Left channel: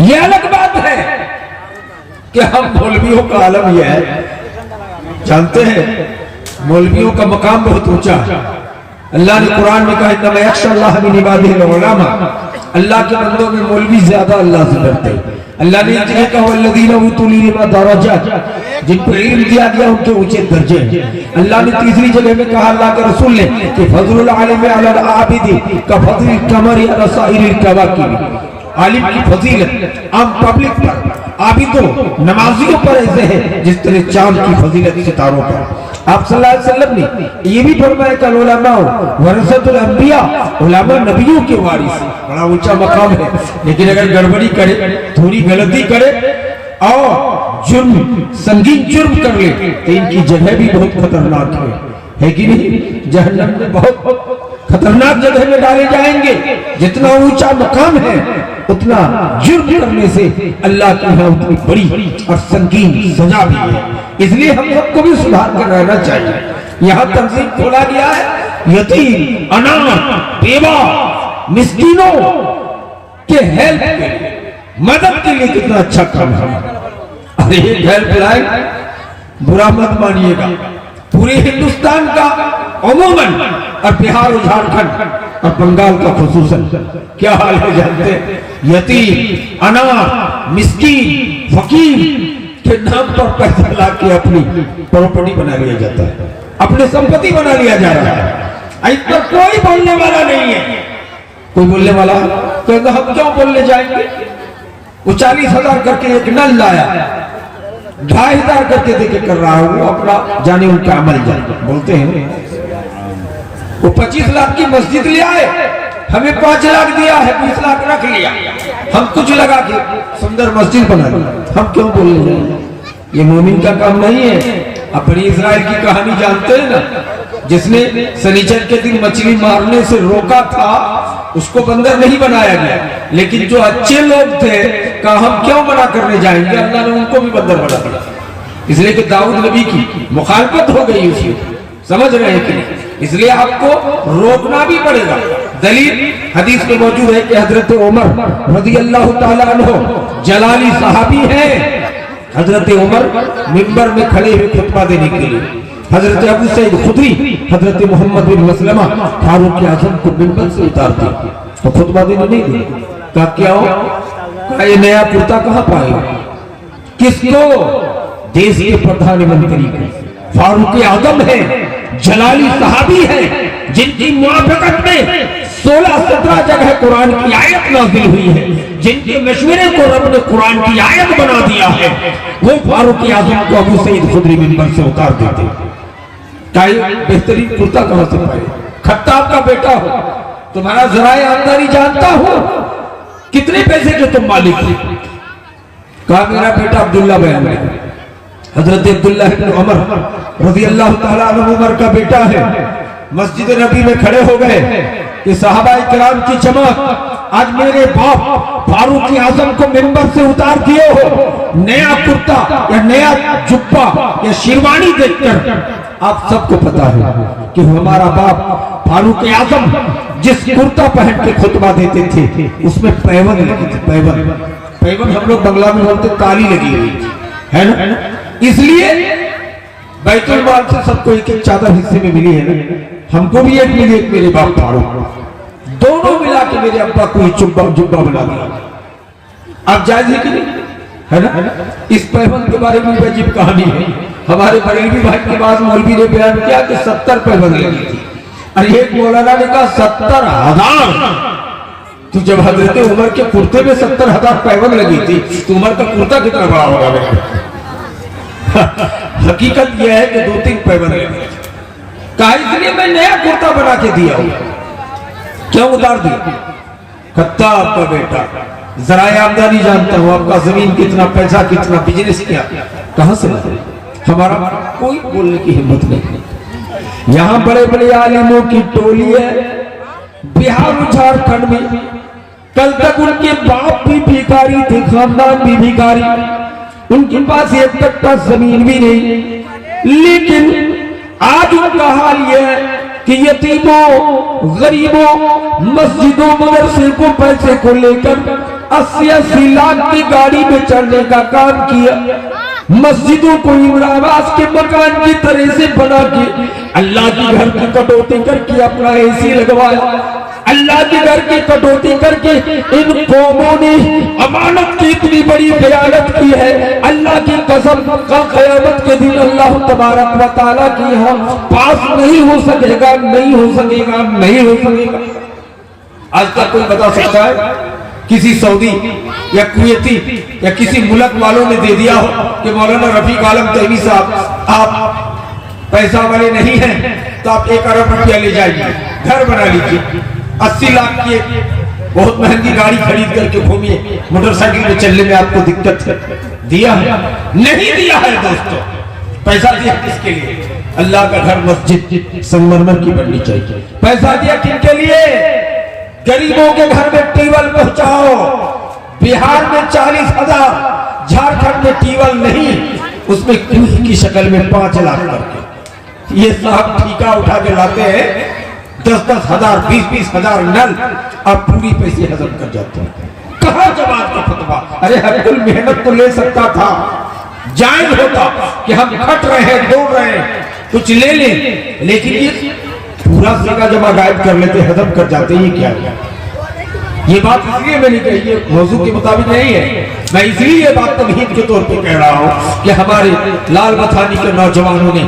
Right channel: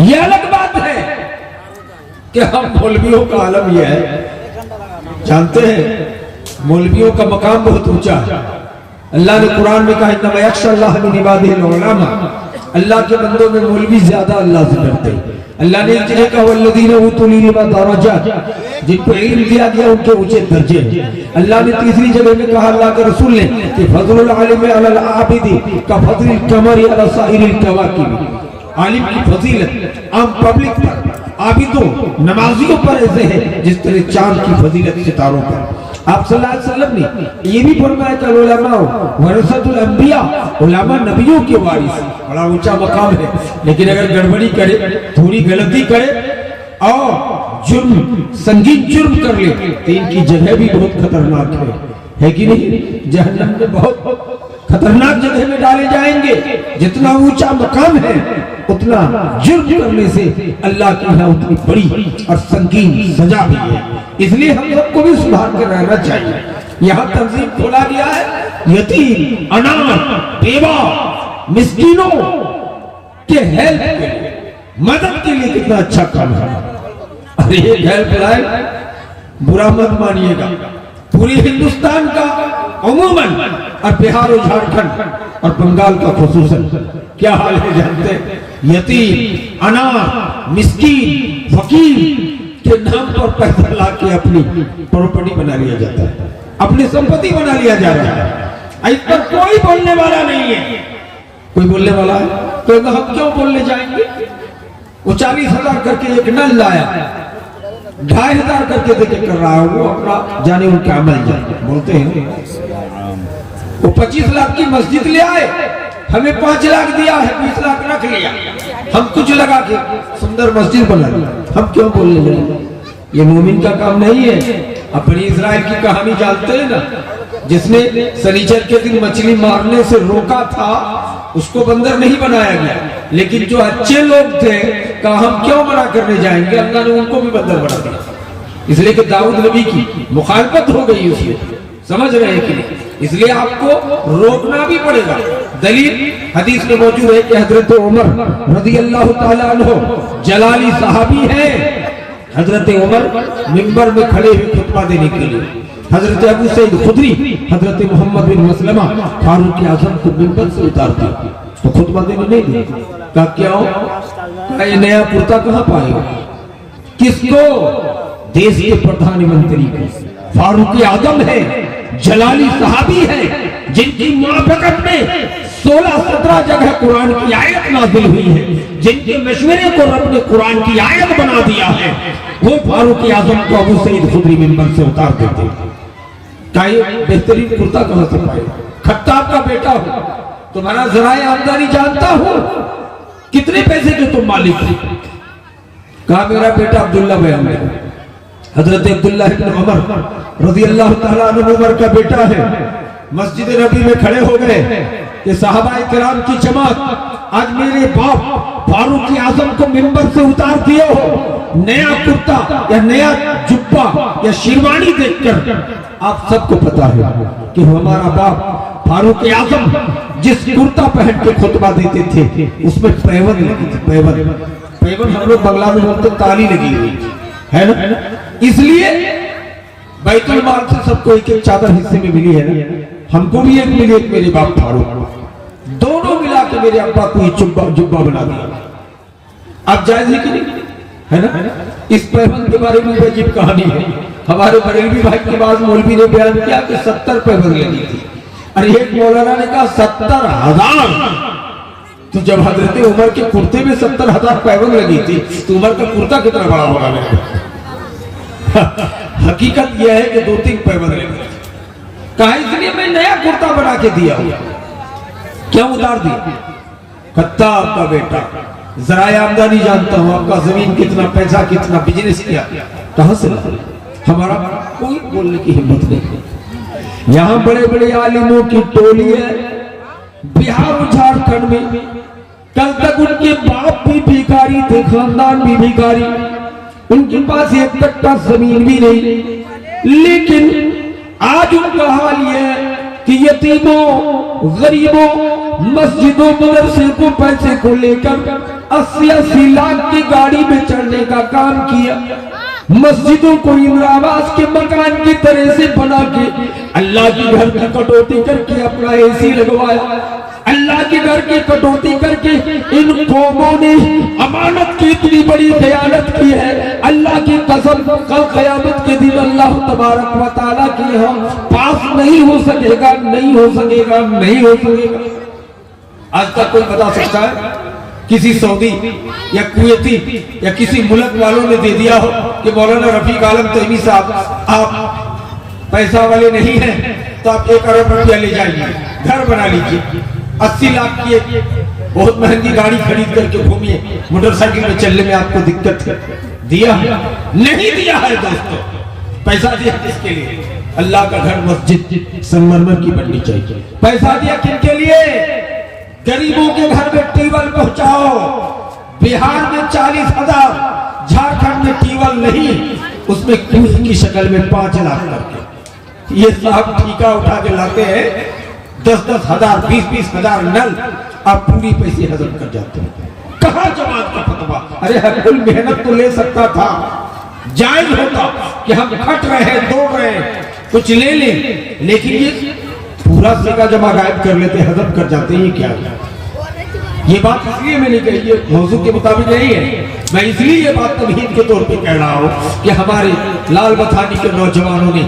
ये अलग बात है कि हम मौलवियों का आलम यह है, जानते हैं मौलवियों का मकाम बहुत ऊंचा है। अल्लाह ने कुरान में कहा इन्नमा यख्शल्लाह मिन इबादिहिल उलमा, अल्लाह के बंदों में मौलवी ज्यादा अल्लाह से डरते हैं। अल्लाह ने जिन्हें कहा वल्लज़ीना उतुल इल्मा दरजात, जिनको इल्म दिया गया उनके ऊंचे दर्जे हैं। अल्लाह ने तीसरी जगह में कहा अल्लाह के रसूल ने कि फज़लुल आलिम अलल आबिदी का फज़लिल कमरी अला साइरिल कवाकिब, आलिम की फजीलत आम पब्लिक पर, आबिदों नमाजियों पर ऐसे है जिस तरह चांद की फजीलत सितारों पर। आप सल्लल्लाहु अलैहि वसल्लम ने ये भी फरमाया कि उलमा वरसतुल अंबिया, उलमा नबियों के वारिस, बड़ा ऊंचा मकाम है। लेकिन अगर गड़बड़ी करे, थोड़ी गलती करे और जुर्म संगीन जुर्म कर ले तो इनकी जगह भी बहुत खतरनाक है कि नहीं? जहन्नम में बहुत खतरनाक जगह में डाले जाएंगे। जितना ऊंचा मकाम है उतना जुर्म करने से अल्लाह के यहाँ उतनी बड़ी और संगीन सजा भी है। इसलिए हम सबको भी सुधार कर रहना चाहिए। यहाँ तंजीम खोला गया है यतीम, अनाथ, बेवा, मिस्कीनों के हेल्प के लिए, मदद के लिए। कितना अच्छा काम है। अरे एक हेल्प लाइन बुरा मत मानिएगा, पूरे हिंदुस्तान का अमूमन और बिहार और झारखंड और बंगाल का खुसूसन क्या हाल है जानते हैं? यतीम, अनाथ, मिस्कीन, फकीर के नाम पर पैसा ला के अपनी प्रॉपर्टी बना लिया जाता है, अपनी संपत्ति बना लिया जा रहा है। इस पर कोई बोलने वाला नहीं है। कोई बोलने वाला तो हम क्यों बोलने जाएंगे? वो 40,000 करके एक नल लाया, 2,500 करके देके कर रहा है, वो अपना जाने उनके अमल जाने बोलते हैं। वो 25 लाख की मस्जिद ले आए, हमें 5 लाख दिया है, 20 लाख रख लिया, हम कुछ लगा के सुंदर मस्जिद बना ली। हम क्यों बोलने जाएंगे? ये मोमिन का काम नहीं है। अपनी इजराइल की कहानी जानते हैं ना, जिसने शनिचर के दिन मछली मारने से रोका था, उसको बंदर नहीं बनाया गया। लेकिन जो अच्छे लोग थे कहा हम क्यों मना करने जाएंगे, अल्लाह ने उनको भी बंदर बना दिया। इसलिए कि दाऊद नबी की मुखालफत हो गई उसमें, समझ रहे हैं कि नहीं? इसलिए आपको रोकना भी पड़ेगा। दलील हदीस में मौजूद है कि हजरत उमर रज़ियल्लाहु ताला अन्हु जलाली सहाबी हैं। हजरत उमर मिंबर में खड़े हुए खुतबा देने के लिए, हजरत अबू सईद खुदरी, हजरत मोहम्मद बिन मसलमा फारूक आज़म को मिंबर से उतार दिया तो खुतबा देने नहीं दिया। कहा क्या हो, ये नया कुर्ता कहाँ पाएगा? किसको? देश के प्रधानमंत्री को। फारूक आज़म है, जलाली सहाबी है, जिनकी मुआफ़क़त में 16-17 जगह कुरान की आयत नाज़िल हुई है, जिनके मशवरे को रब ने कुरान की आयत बना दिया है। वो फारूक आज़म को अबू सईद खुदरी मिंबर से उतार देते। बेहतरीन कुर्ता कहां से पाए? खत्ताब का बेटा हो, तुम्हारा ज़राए आमदनी जानता हो, कितने पैसे के तुम मालिक थे? कहा मेरा बेटा अब्दुल्ला बयान है। हजरत अब्दुल्ला इब्न उमर रज़ियल्लाहु ताला अन्हु उमर का बेटा है। मस्जिद नबी में खड़े हो गए कि साहबा इकराम की चमक, आज मेरे बाप फारूक आज़म को मिंबर से उतार दिए हो। नया कुर्ता या नया जुब्बा या शेरवानी देखकर आप सबको पता है कि हमारा बाप फारूक आज़म जिस कुर्ता पहन के खुतबा देते थे उसमें पैबंद लगी थी। पैबंद हम लोग बंगला में बोलते ताली लगी हुई थी, है ना? इसलिए बैतुल माल से सबको एक एक चादर हिस्से में मिली है ना। हमको भी एक मिली, एक मेरे बाप फारूक, दोनों मिला के मेरे अब्बा को जुब्बा बना दिया। आप जायज है कि नहीं, है ना? इस पैबंद के बारे में अजीब कहानी है। हमारे बरेलवी भाई के पास मौलवी ने बयान किया कि 70 पैबंद लगी थी। और एक मौलाना ने कहा 70,000। तो जब हजरत उमर के कुर्ते में 70,000 पैबंद लगी थी तो उमर का कुर्ता कितना बड़ा होगा? हकीकत यह है कि 2-3 पैबंद लगी। कहा इसलिए मैं नया कुर्ता बना के दिया हूं। क्यों उतार दिया? खत्ताब का बेटा, ज़राए आमदनी जानता हूं, आपका जमीन कितना, पैसा कितना, बिजनेस क्या, कहां से लाए? हमारा कोई बोलने की हिम्मत नहीं। यहाँ बड़े बड़े आलिमों की टोली है बिहार झारखंड में। कल तक उनके बाप भी भिखारी थे, खानदान भी भिखारी, उनके पास एक कट्टा जमीन भी नहीं। लेकिन आज उनका हाल यह है कि यतीमों, गरीबों, मस्जिदों, मदरसे को पैसे को लेकर 80-80 लाख की गाड़ी में चढ़ने का काम किया। मस्जिदों को इमरावास के मकान की तरह से बना के अल्लाह के घर की कटौती करके अपना एसी लगवाया। अल्लाह के घर की कटौती करके इन कौमों ने अमानत की इतनी बड़ी खयानत की है। अल्लाह की कसम, कल क़यामत के दिन अल्लाह तबारक व तआला की यहाँ पास नहीं हो सकेगा, नहीं हो सकेगा, नहीं हो सकेगा। आज तक कोई बता सकता है किसी सऊदी या कुवैती या किसी मुल्क वालों ने दे दिया हो कि मौलाना रफीक आलम तैयबी साहब आप पैसा वाले नहीं हैं तो आप 1 अरब रुपया ले जाइए, घर बना लीजिए, 80 लाख की बहुत महंगी गाड़ी खरीद करके घूमिए, मोटरसाइकिल में चलने में आपको दिक्कत है। दिया है? नहीं दिया है दोस्तों। पैसा दिया किसके लिए? अल्लाह का घर मस्जिद संगमरमर की बननी चाहिए। पैसा दिया किनके लिए? गरीबों के घर में टीवल पहुंचाओ। बिहार में 40,000, झारखंड में टीवल नहीं, उसमें कूद की शक्ल में 5 लाख करके ये साहब ठीका उठा के लाते हैं। 10-10 हजार, 20-20 हजार नल आप पूरी पैसे हजम कर जाते हैं। कहां जमात का फतवा? अरे हर मेहनत तो ले सकता था, जायज होता कि हम खट रहे हैं, दौड़ रहे हैं, कुछ ले लें, लेकिन ये पूरा सिक्का जमा गायब कर लेते, हजम कर जाते। ये क्या है? ये बात इसलिए मैंने कही, ये मौजू के मुताबिक नहीं है। मैं इसलिए ये बात तमहीद के तौर पे कह रहा हूँ कि हमारे लाल बथानी के नौजवानों ने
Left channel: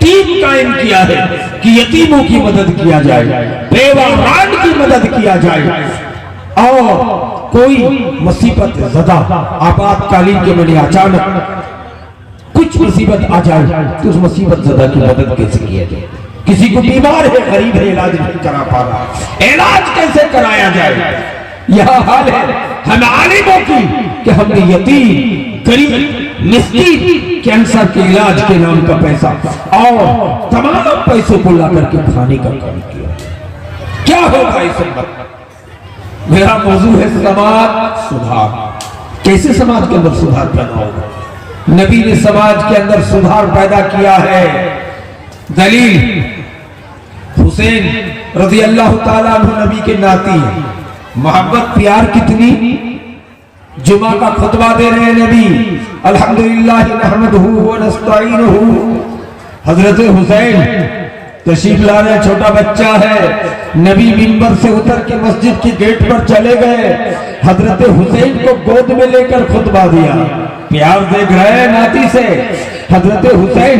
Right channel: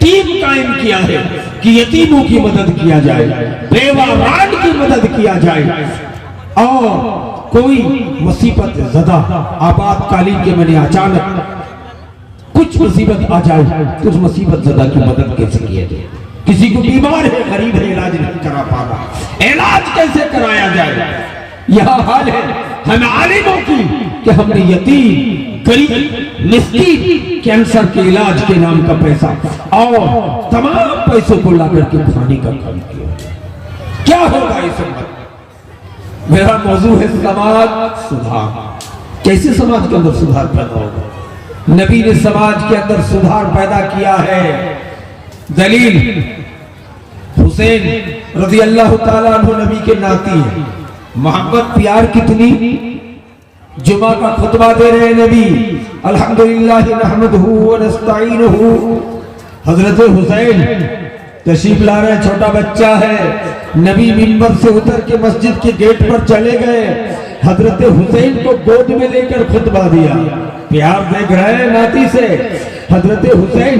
टीम कायम किया है कि यतीमों की मदद किया जाए, बेवारान की मदद किया जाए, और कोई मुसीबत ज़दा आपातकालीन के मने अचानक कुछ मुसीबत आ जाए तो उस मुसीबत ज़दा की मदद कैसे किया जाए? किसी को बीमार है, गरीब है, इलाज नहीं करा पा रहा, इलाज कैसे कराया जाए? यह हाल है हम आलिमों की कि हमने यतीम, गरीब, मिस्कीन, कैंसर के इलाज के नाम का पैसा और तमाम पैसों को ला करके खाने का काम किया। क्या होगा इस वक्त? मेरा मौजू है समाज सुधार। कैसे समाज के अंदर सुधार पैदा होगा? नबी ने समाज के अंदर सुधार पैदा किया है। दलील, हुसैन रज़ी अल्लाह ताला अन्हु नबी के नाती हैं। मोहब्बत प्यार कितनी। जुमा का खुतबा दे रहे हैं नबी, अल्हम्दुलिल्लाह नहमदुहु व नस्तईनुहु। हजरत हुसैन तशरीफ ला रहे, छोटा बच्चा है। नबी मिंबर से उतर के मस्जिद के गेट पर चले गए, हजरत हुसैन को गोद में लेकर खुतबा दिया। प्यार देख रहे हैं नाती से। हजरत हुसैन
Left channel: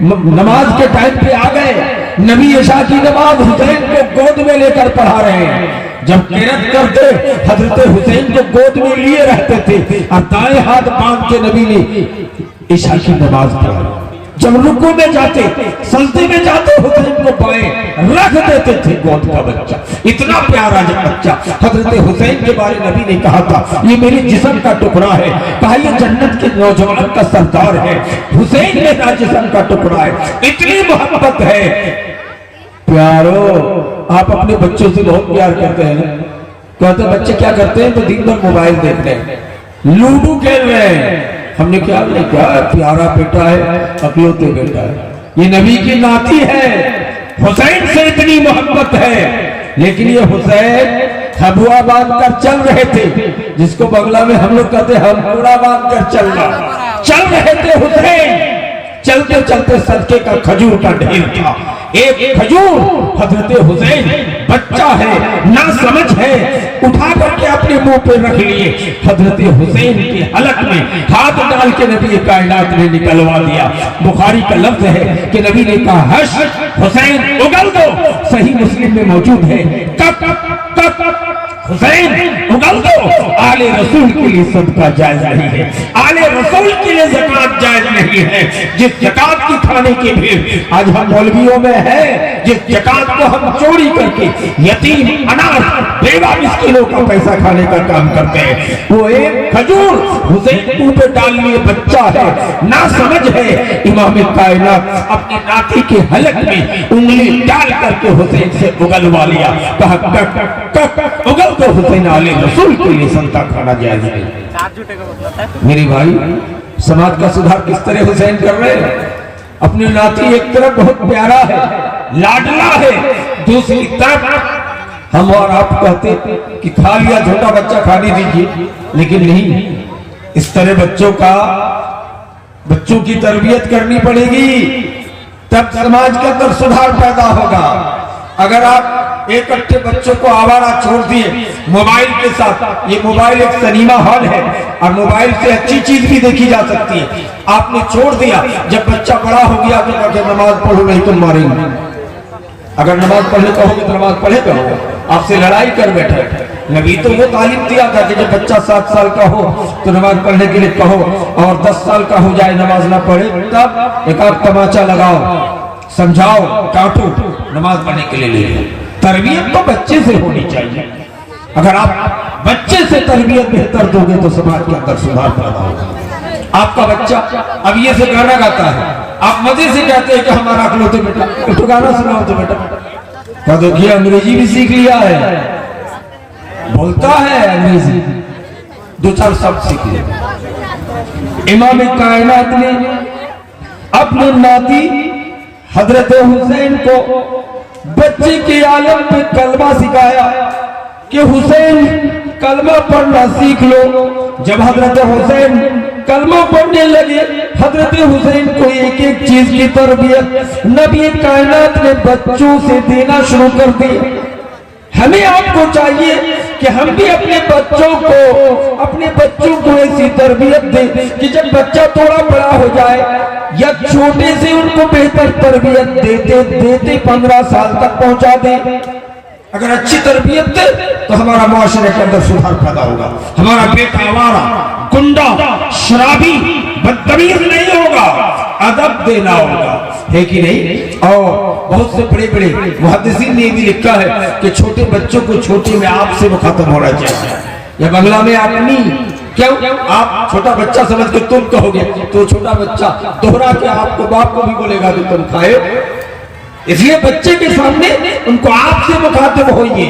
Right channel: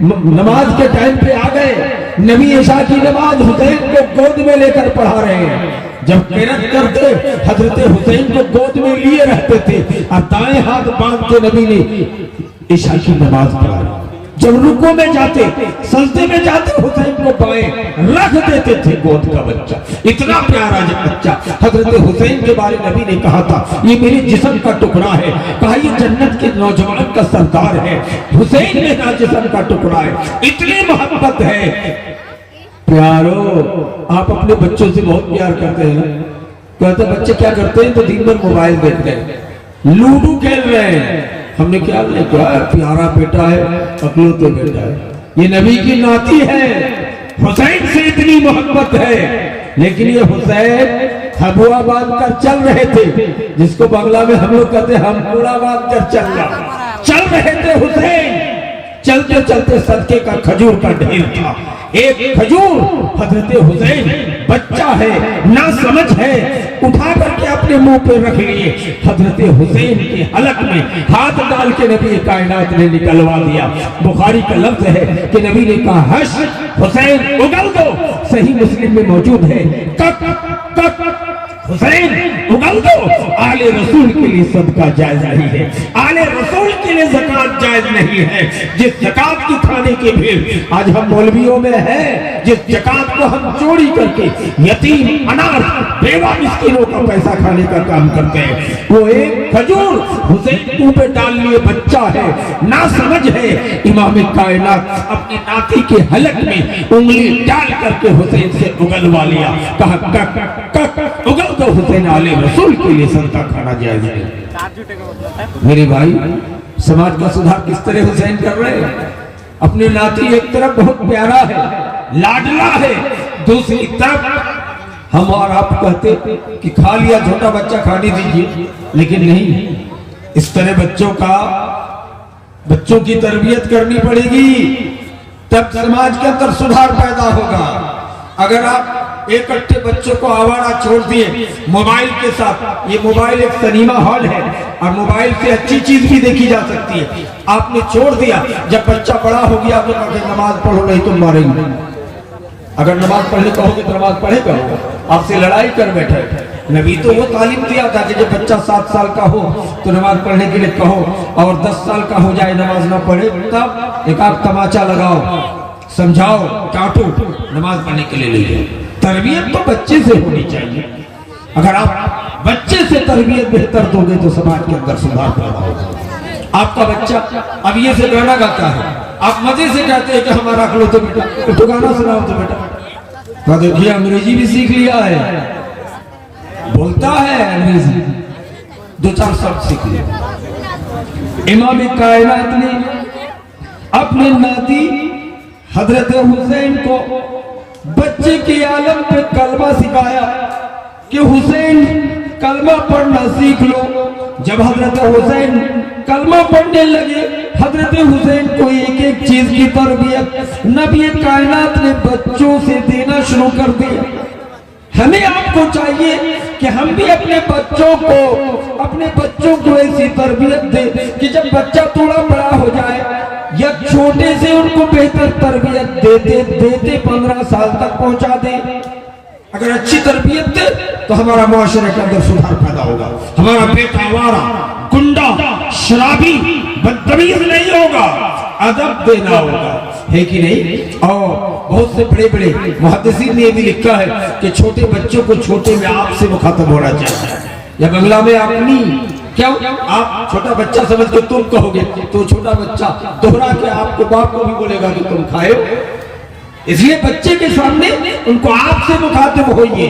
नमाज के टाइम पे आ गए, नबी इशा की नमाज हुसैन को गोद में लेकर पढ़ा रहे हैं। जब किरत करते हजरत हुसैन को गोद में लिए रहते थे और दाएं हाथ बांध के नबी ने इशा की नमाज पढ़ाई। जब रुकू में जाते, सजदे में जाते, हुसैन को बाएं रख देते थे गोद का बच्चा। इतना प्यारा बच्चा। हजरत हुसैन के बारे में नबी ने कहा था ये मेरी जिस्म का टुकड़ा है, कहा ये जन्नत के नौजवान का सरदार है। हुसैन मेरा जिस्म का टुकड़ा है। इतनी मोहब्बत है। प्यारो, आप अपने बच्चों से बहुत प्यार करते हैं। कहते बच्चे क्या करते हैं? तो दिन भर मोबाइल देख रहे हैं, लूडो खेल रहे हैं। हमने क्या प्यारा बेटा है, अकलौते बेटा है, ये नबी की नाती है। हुसैन से इतनी मोहब्बत है, लेकिन ये हुसैन हबुआ बांध कर चल रहे थे, जिसको बंगला में हम लोग कहते हम पूरा बांध कर चल रहे थे। हुसैन चलते चलते सदके का खजूर का ढेर था। एक खजूर हजरत हुसैन बच्चा है, ना समझ है, उठा करके अपने मुंह पे रख लिए। हजरत हुसैन के हलक में हाथ डाल के नबी कायनात ने निकलवा दिया। बुखारी का लफ्ज है कि नबी ने कहा हश हुसैन उगल दो। सही मुस्लिम में मौजूद है हुसैन उगल दो। आले रसूल के लिए सदका जायज नहीं है, आले रसूल के लिए ज़कात जायज नहीं है। जिस ज़कात की खाने की भीड़ आज हम मौलवियों में है, जिस ज़कात को हम चोरी करके यतीम, अनाथ, बेवा मिस्किनों का पैसा खाने का काम करते हैं, वो एक खजूर हुसैन मुंह पे डाल लिए बच्चा है, ना समझ है। इमाम कायनात अपनी नाती के हलक में उंगली डाल करके हुसैन से उगलवा लिया। कहा उगल तो हुसैन आले रसूल के लिए संता खाना जायज नहीं। मेरे भाई, समाज का सुधार किस तरह हुसैन कर रहे हैं? अपनी नाती एक तरफ बहुत प्यारा है, लाडला है, दूसरी तरफ हम और आप कहते कि खा लिया छोटा बच्चा खाने दीजिए, लेकिन नहीं, इस तरह बच्चों की तरबियत करनी पड़ेगी, तब समाज के अंदर सुधार पैदा होगा। अगर आप एक अट्ठे बच्चों को आवारा छोड़ दिए मोबाइल के साथ, ये मोबाइल एक सिनेमा हॉल है और मोबाइल से अच्छी चीज भी देखी जा सकती है, आपने छोड़ दिया, जब बच्चा बड़ा हो गया तो अगर नमाज पढ़ो नहीं तुम मरेंगे, अगर नमाज पढ़ने कहोगे तो नमाज पढ़े करोगे, आपसे लड़ाई कर बैठे। नबी तो वो तालीम दिया था कि जब बच्चा 7 साल का हो तो नमाज पढ़ने के लिए कहो, और 10 साल का हो जाए नमाज ना पढ़े तब एक आध तमाचा लगाओ, समझाओ, काटो, नमाज पढ़ने के लिए ले। तरबियत तो बच्चे से होनी चाहिए। अगर आप बच्चे से तरबियत बेहतर दोगे तो समाज के अंदर सुधार पैदा होगा। आपका बच्चा अब ये से गाना गाता है, आप मजे से कहते हैं कि हमारा रख लो तो बेटा, तो गाना सुनाओ तो बेटा, क्या देखिए अंग्रेजी भी सीख लिया है, बोलता है अंग्रेजी, 2-4 शब्द सीख लिया। इमाम कायनात ने अपने नाती हजरत हुसैन को बच्चे के आलम पे कलमा सिखाया कि हुसैन कलमा पढ़ना सीख लो। जब हजरत हुसैन कलमा पढ़ने लगे, हजरत हुसैन को एक एक चीज की तरबियत नबी कायनात ने बच्चों से देना शुरू कर दी। हमें आपको चाहिए कि हम भी अपने बच्चों को ऐसी तरबियत दें कि जब बच्चा थोड़ा बड़ा हो जाए या छोटे से उनको बेहतर तरबियत देते 15 साल तक पहुंचा दें। अगर अच्छी तरबियत दे तो हमारा मुआशरे के अंदर सुधार पैदा होगा, हमारा बेटा आवारा, गुंडा, शराबी, बदतमीज नहीं होगा, अदब देना होगा, है कि नहीं। और बहुत से बड़े बड़े मुहद्दिसीन ने भी लिखा है कि छोटे बच्चों को छोटे में आप से मुखातब होना चाहिए, या बंगला में आपनी, क्यों आप छोटा बच्चा समझ के तुम कहोगे तो छोटा बच्चा दोहरा के आपको बाप को भी बोलेगा कि तुम खाए। इसलिए बच्चे के सामने उनको आपसे मुखातिब होइए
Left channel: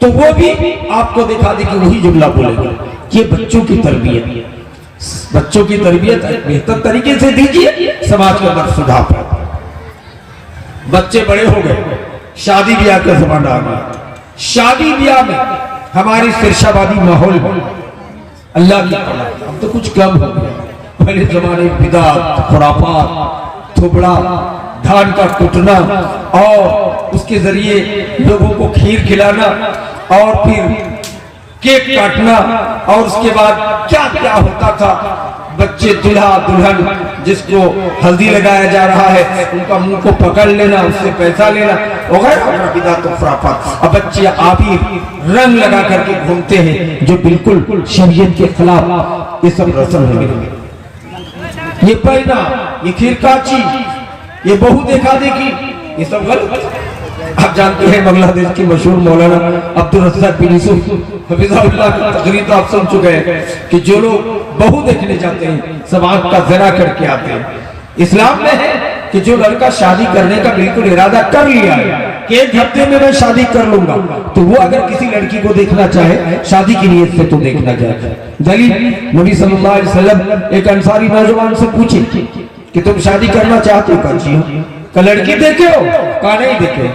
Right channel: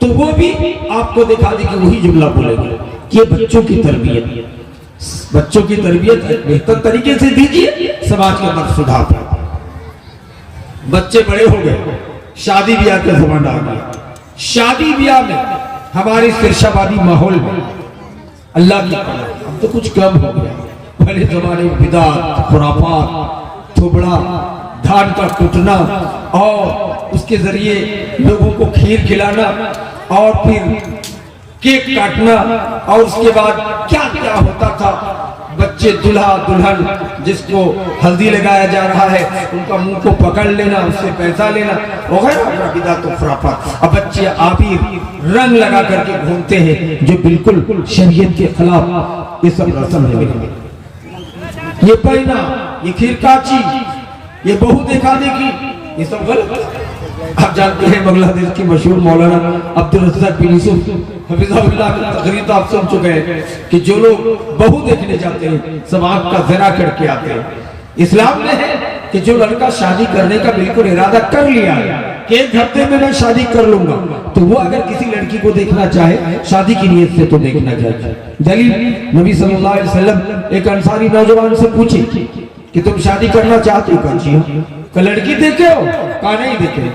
तो वो भी आपको दिखा दे कि वही जुमला बोलेगा। ये बच्चों की तरबियत बेहतर तरीके से दीजिए, समाज के अंदर सुधार पैदा। बच्चे बड़े हो गए, शादी ब्याह का जमाना आ गया, शादी ब्याह में हमारी सिरशाबादी माहौल में अल्लाह की अब तो कुछ कम हो गया। पहले जमाने में बिदात, खुराफात, थोबड़ा, धान का कुटना और उसके जरिए लोगों को खीर खिलाना और फिर केक काटना, और उसके बाद क्या क्या होता था, बच्चे दूल्हा दुल्हन जिसको हल्दी लगाया जा रहा है उनका मुंह को पकड़ लेना, उससे पैसा लेना वगैरह बिदात और खुराफात। अब बच्चे आबिर रंग लगा करके घूमते हैं जो बिल्कुल शरीयत के खिलाफ। ये सब रस्म है, ये पहना, ये खिरकाची, ये बहू देखा देखी, ये सब गलत। आप जानते हैं बांग्लादेश की मशहूर मौलाना अब्दुल रज़्ज़ाक बिन यूसुफ हफिज़हुल्लाह की तकरीर तो आप सुन चुके हैं कि जो लोग बहू देखने जाते हैं सब आंख का ज़रा करके आते हैं। इस्लाम में है कि जो लड़का शादी करने का बिल्कुल इरादा कर लिया है कि एक हफ्ते में मैं शादी कर लूंगा, तो वो अगर किसी लड़की को देखना चाहे शादी की नीयत से तो देखना चाहिए। दलील नबी सल्लल्लाहु अलैहि वसल्लम एक अंसारी नौजवान से पूछे कि तुम शादी करना चाहते हो? का लड़की देखे हो? का नहीं देखे?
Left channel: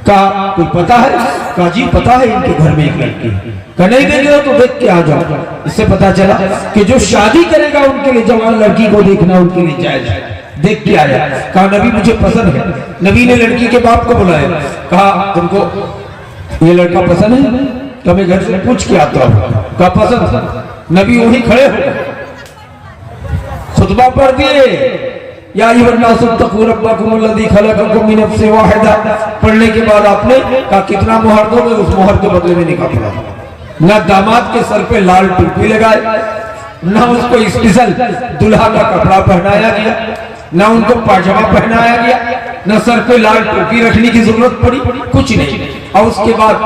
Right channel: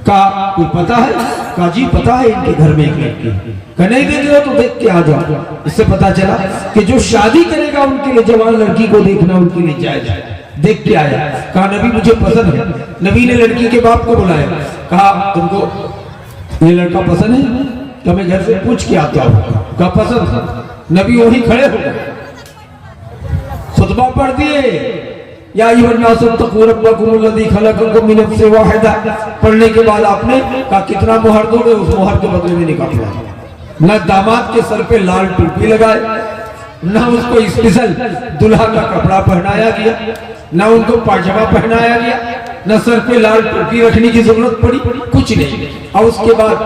का कोई पता है? का जी पता है इनके घर में एक लड़की। का नहीं देखे हो तो देख के आ जाओ। इससे पता चला कि जो शादी करेगा उनके लिए जवान लड़की को देखना उनके लिए जायज है। देख के आया, कहा नबी मुझे पसंद है। नबी ने लड़की के बाप को बुलाया, कहा तुमको ये लड़का पसंद है? तो मैं घर से पूछ के आता हूँ। कहा पसंद है। नबी वही खड़े हो गए, खुतबा पढ़ दिए, या पढ़ने के बाद आपने कहा कितना मोहर दोगे? उस मोहर के बदले में निकाह पड़ा। ना दामाद के सर पे लाल टोपी लगाए, ना उसको स्पेशल दुल्हा का कपड़ा पहनाया गया, ना उनको पायजामा पहनाया गया, ना सर पे लाल टोपी रखने की जरूरत पड़ी, कुछ नहीं। और उसके बाद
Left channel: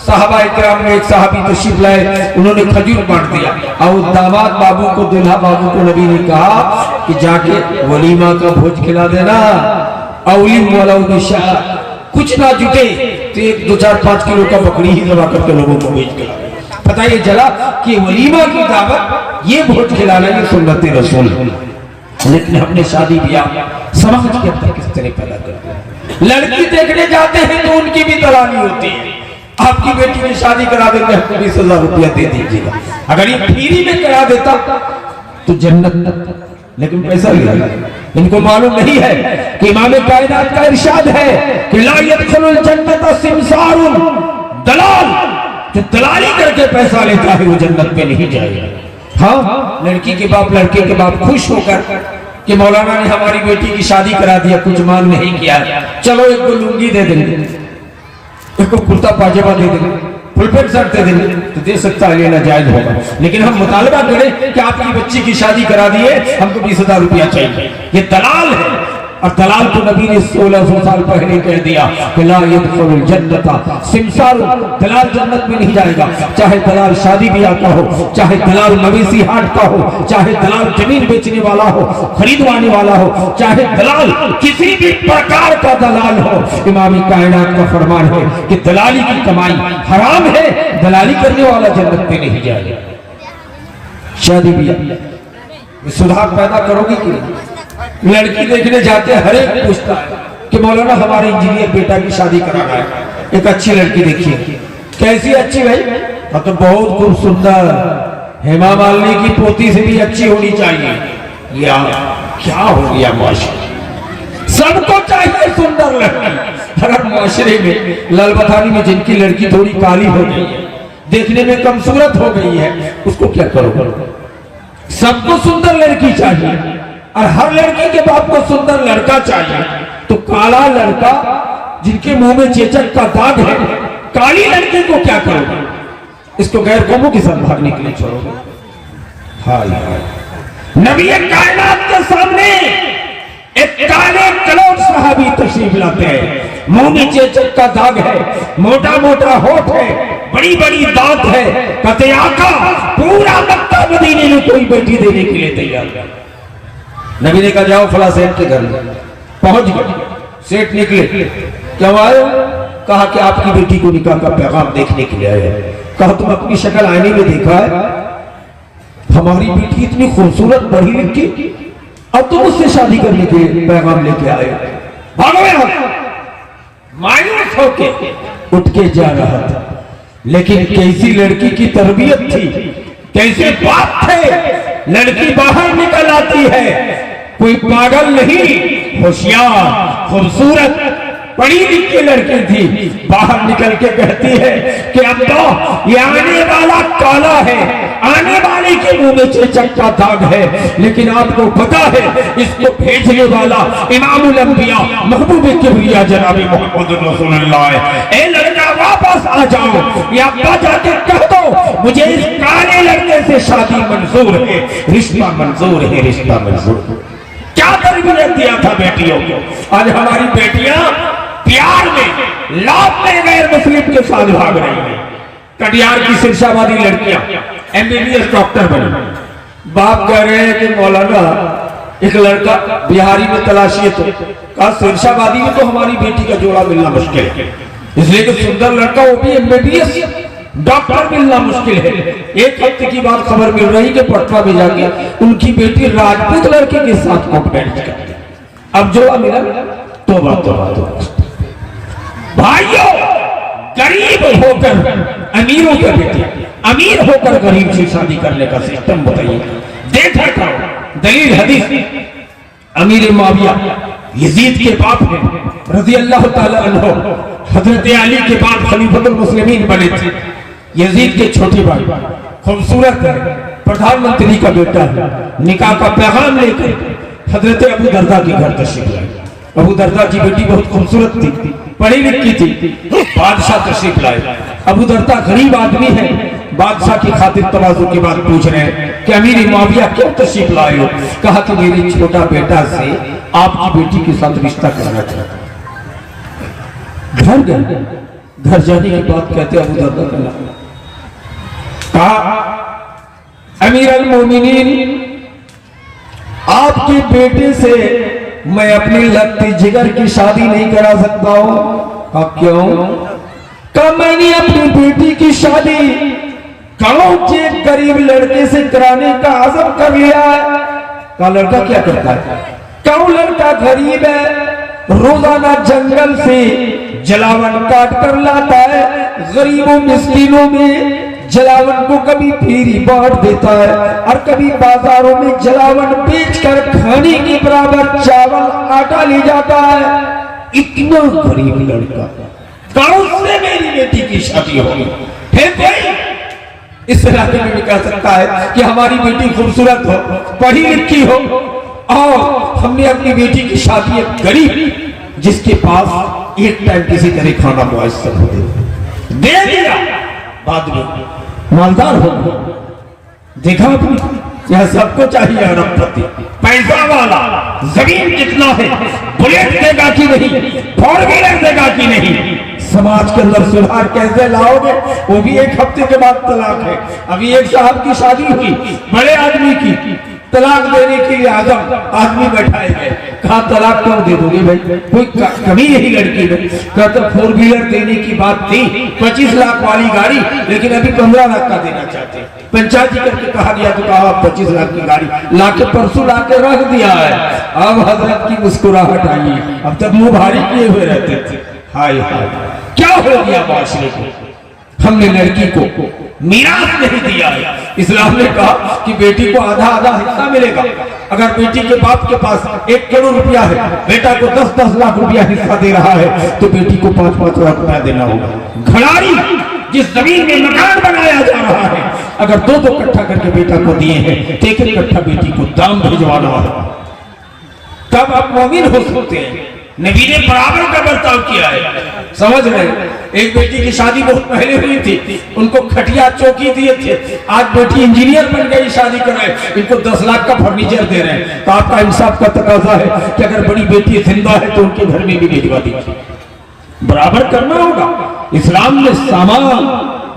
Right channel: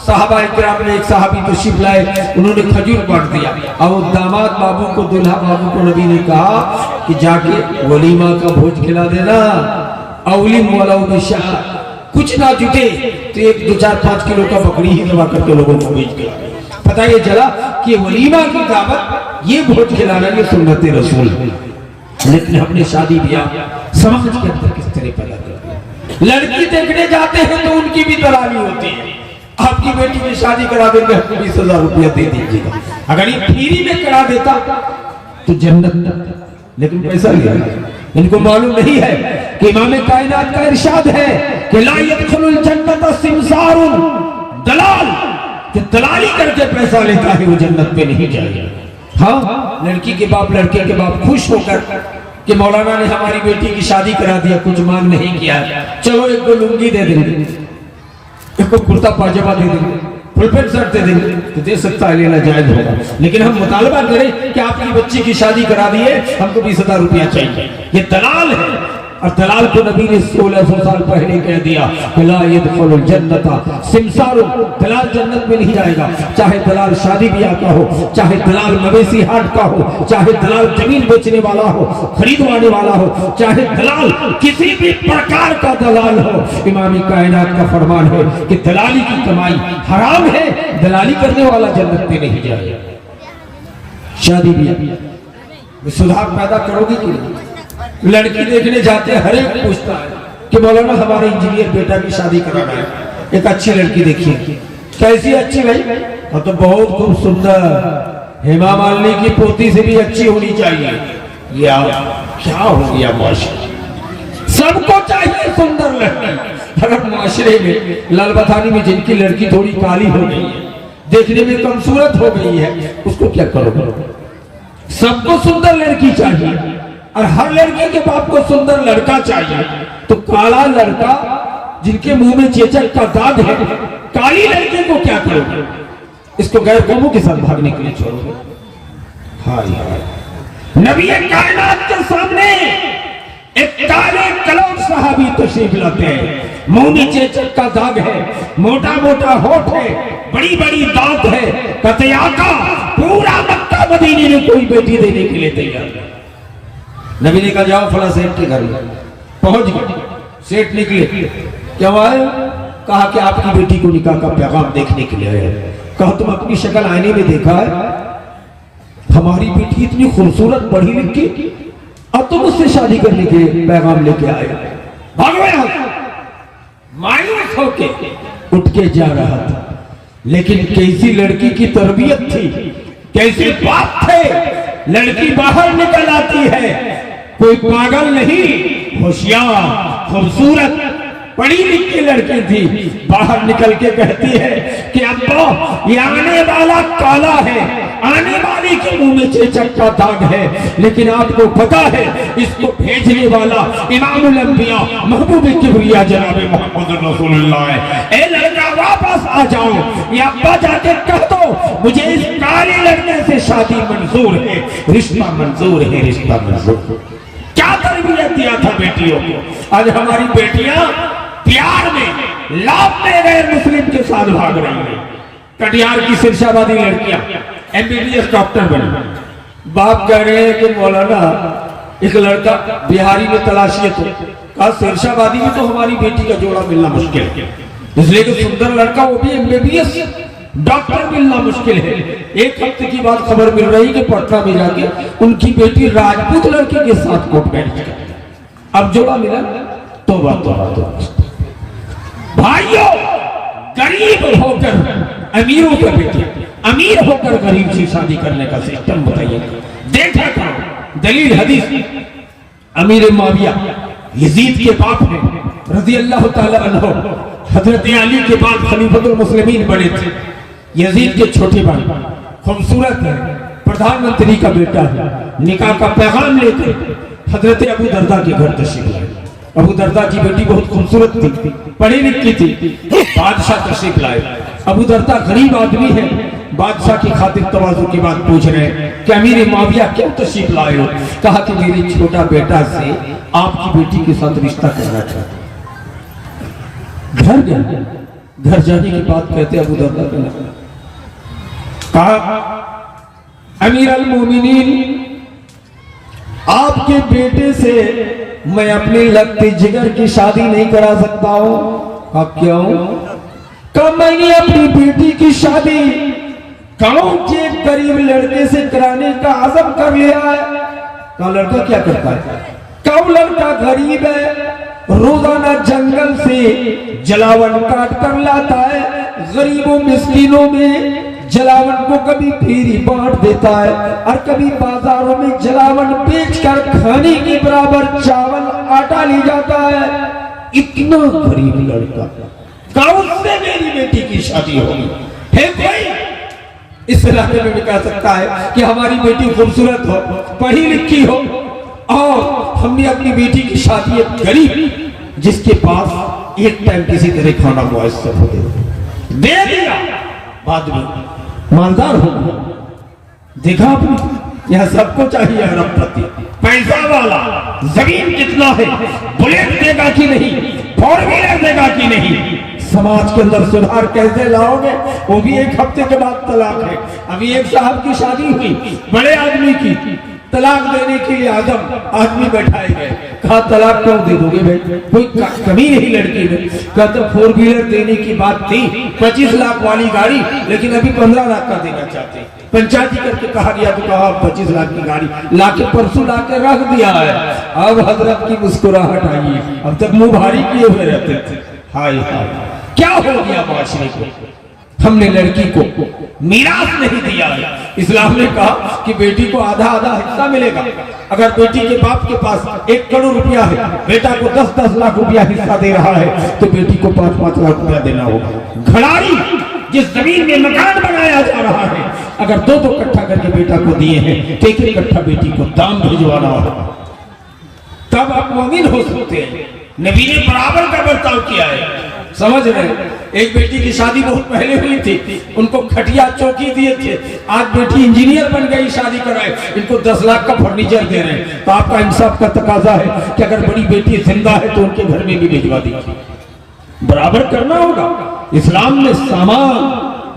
साहबा इकराम में एक साहबी तशरीफ लाए, उन्होंने खजूर बांट दिया और दामाद बाबू को दुल्हा बाबू को नबी ने कहा कि जाके वलीमा का भोज खिला देना। कुछ ना जुटे तो 1, 2, 4, 5 किलो का बकरी ही दबा करके लोगों को भोज खिला। पता ये चला कि वलीमा की दावत ये भोज खिलाना ये सुन्नत रसूल है। लेकिन हमने शादी ब्याह समाज के अंदर किस तरह पैदा कर दिया। लड़की देखने जाते हैं तो उनकी भी दलाली होती है, आपकी बेटी की शादी करा देते हैं 20,000 रुपया दे दीजिएगा, अगर ये फ्री में करा देता तो जन्नत, लेकिन पैसा लिया। इनको मालूम नहीं है कि इमाम कायनात का इरशाद है कि ला यदखुलुल जन्नत सिमसारुन दलाल, जो दलाली करके पैसा लेता है वो जन्नत पे नहीं जाएगा। हाँ, लड़की के बाप लड़के के बाप खुश होकर कि मौलाना ने हमारी बेटी की शादी करा दिया, कुछ मांग नहीं किया, चलो एक को लुंगी दे देंगे, एक को कुर्ता पाजामा दे देंगे, फुल पैंट शर्ट दे देंगे, तो दे सकता है, ये नाजायज होगा। लेकिन हम मुतालबा करें कि आपकी बच्ची की शादी करा दिए, हमको 20,000 रुपया चाहिए, ये दलाल है। और दलाल को नबी ने 1600 साल पहले कह दिया कि ला यदखुलुल जन्नता सिमसार, दलाल जन्नत में नहीं जाएगा। चाहे दलाल शादी ब्याह का हो, चाहे दलाल मवेशी हाट का हो, चाहे दलाल जमीन बेचने वाला हो, खरीदवाने वाला हो, चाहे दलाल किसी भी प्रकार का दलाल हो, इमाम कायनात का फरमान है कि दलाली की कमाई हराम है, दलाली करने वाला जन्नत में नहीं जाएगा। शादी ब्याह सुधार पैदा करोगी कि नहीं? लड़की देखने जाते हर एक पूछता है कि मौलाना हमारे इंजीनियर बेटा की शादी कराना है, एक अच्छी लड़की देखिए। कैसी अच्छी भाई? तो बहुत खूब सुंदर, हेमा मालिनी की पोती से भी अच्छी होनी चाहिए। या क्या हो गया माशरे, सबको चाहिए सुंदर लड़की। अगर माशरे में लालबथानी में जिनकी लड़की थोड़ी काली हो गई है, देखने में कमसूरत हो गई है, उसको क्या करोगे? सबको सुंदर लड़की चाहिए और हर लड़की के बाप को सुंदर लड़का चाहिए। तो काला लड़का जिनके मुंह में चेचक का दाग है, काली लड़की को क्या करोगे? इसको गैर कौमों के साथ भागने के लिए छोड़ोगे? हाँ, नबी कायनात के सामने एक काले कलौट सहाबी तशरीफ लाते हैं, मुंह में चेचक का दाग है, मोटा मोटा होठ है, बड़ी बड़ी दांत है, कहते आका पूरा मक्का मदीने में कोई बेटी देने के लिए तैयार है। नबी ने कहा जाओ फला सेठ के घर, पहुंच गए। सेठ निकले, क्या आए? कहा कि आपकी बेटी को निकाह का पैगाम देखने के लिए आए। कहा तुम अपनी शक्ल आईने में देखा है? हमारी बेटी इतनी खूबसूरत पढ़ी लिखी और तुम उससे शादी करने के लिए पैगाम लेके आए? भागो यहाँ। मायूस होके उठ के जा रहा था, लेकिन कैसी लड़की की तरबियत थी, कैसे बात थे। लड़की बाहर निकल आती है, कोई पागल नहीं, होशियार खूबसूरत पढ़ी लिखी लड़की थी, बाहर निकल के कहती है कि अब्बा ये आने वाला काला है, आने वाले के मुंह में चेचक का दाग है, लेकिन आपको पता है इसको भेजने वाला इमामुल अंबिया महबूब किबरिया जनाब मोहम्मद रसूलुल्लाह है। ए लड़का वापस आ जाओ, ये अब्बा जाके कह दो मुझे इस काले लड़के से शादी मंजूर है, रिश्ता मंजूर है, रिश्ता मंजूर। क्या तरबियत दिया था बेटियों को। आज हमारी बेटियां प्यार में लाभ में गैर मुस्लिम के साथ भाग रही है। कटिहार की सिरसाबादी लड़कियां एमबीबीएस डॉक्टर बने, बाप कह रहे हैं कि मौलाना एक लड़का बिहारी में तलाशी है, तो कहा सिरसाबादी में तो हमारी बेटी का जोड़ा मिलना मुश्किल है, इसलिए कि सुंदर लड़का वो भी एमबीबीएस डॉक्टर मिलना मुश्किल है। एक हफ्ते की बात खबर मिल रही कि पटना में जाके उनकी बेटी राजपूत लड़के के साथ कोर्ट मैरिज कर, अब जोड़ा मिला। तौबा तौबा तौबा। भाइयों, गरीब होकर अमीरों के बेटे, अमीर होकर गरीब से शादी करने का सिस्टम बताइए। देखा करो दलील हदीस। अमीर मुआविया यजीद के बाप ने रज़ी अल्लाह ताला अन्हु हजरत अली के बाद खलीफतुल मुस्लिमीन बने थे। यजीद के छोटी भाई खूबसूरत है, प्रधानमंत्री का बेटा है, निकाह का पैगाम लेकर हजरत अबू दरदा के घर तशरीफ लाए। अबू दरदा की बेटी बहुत खूबसूरत थी, पढ़ी लिखी थी, बादशाह तशरीफ लाए। अबू दरदा गरीब आदमी है, बादशाह की खातिर तवाज़ु की बात पूछ रहे हैं कि अमीर मुआविया क्यों तशरीफ लाए हो? कहा कि मेरी छोटा बेटा से आपकी बेटी के साथ रिश्ता करना चाहता। घर गए, घर जाने की बात कहते अबू दरदा के नाम। कहा अमीर अल मोमिनीन, आपके बेटे से मैं अपने लगते जिगर की शादी नहीं करा सकता हूं। अब क्यों? कहा मैंने अपनी बेटी की शादी कौन से गरीब लड़के से कराने का आज़म कर लिया है। कहा लड़का क्या करता है? कौन लड़का गरीब है, रोजाना जंगल से जलावन काट कर लाता है, गरीबों मिस्कीनों में जलावन को कभी फेरी बांट देता है और कभी बाजारों में जलावन बेचकर खाने के बराबर चावल आटा ले जाता है। इतना गरीब लड़का गाँव से मेरी बेटी की शादी होगी है कोई इस इलाके में निकल सकता है कि हमारी बेटी खूबसूरत हो, पढ़ी लिखी हो, और हमने अपनी बेटी की शादी एक गरीब जिसके पास एक टाइम किसी तरह खाना मुयस्सर हो दे दिया, बाद में मालदार हो देखा आपने। यह सबको चाहिए अरबपति, पैसा वाला, जमीन कितना है, बुलेट देगा कि नहीं, फोर व्हीलर देगा कि नहीं। समाज के अंदर सुधार कैसे लाओगे? वो भी एक हफ्ते के बाद तलाक है। अभी एक साहब की शादी हुई, बड़े आदमी की, तलाक देने के लिए आदमी बैठाए गए। कहा तलाक क्यों दे दोगे भाई, कोई कमी यही लड़की में? कहा तो फोर व्हीलर देने की बात थी, 25 लाख वाली गाड़ी, लेकिन अभी 15 लाख का देना चाहते। पंचायती करके कहा गया तो कहा 25 लाख की गाड़ी लाके परसों लाके रख दिया है। अब हजरत की मुस्कुराहट आई है, अब तक मुंह भारी किए हुए रहते थे। हाय हाय क्या हो गया माशरे को? हमने लड़की को मीरास नहीं दिया है। इस्लाम ने कहा कि बेटी को आधा आधा हिस्सा मिलेगा। अगर बेटी के बाप के पास 1 करोड़ रुपया है, बेटा को 10-10 लाख रुपया हिस्सा दे रहा है, तो बेटी को 5-5 लाख रुपया देना होगा। घड़ारी जिस जमीन में मकान बनाया जा रहा है, अगर 2-2 कट्ठा करके बेटा को दिए हैं, तो 1 कट्ठा बेटी को दाम भिजवाना होगा। तब आप मोमिन हो सकते हैं। नबी ने बराबर का बर्ताव किया है, समझ रहे? एक बेटी की शादी बहुत पहले हुई थी, उनको खटिया चौकी दिए थे, आज बेटी इंजीनियर बन गई, शादी कराए, इनको 10 लाख का फर्नीचर दे रहे हैं। तो आपका इंसाफ का तकाजा है कि अगर बड़ी बेटी जिंदा है तो उनके घर में भी भिजवा दीजिए। बराबर करना होगा। इस्लाम में सामान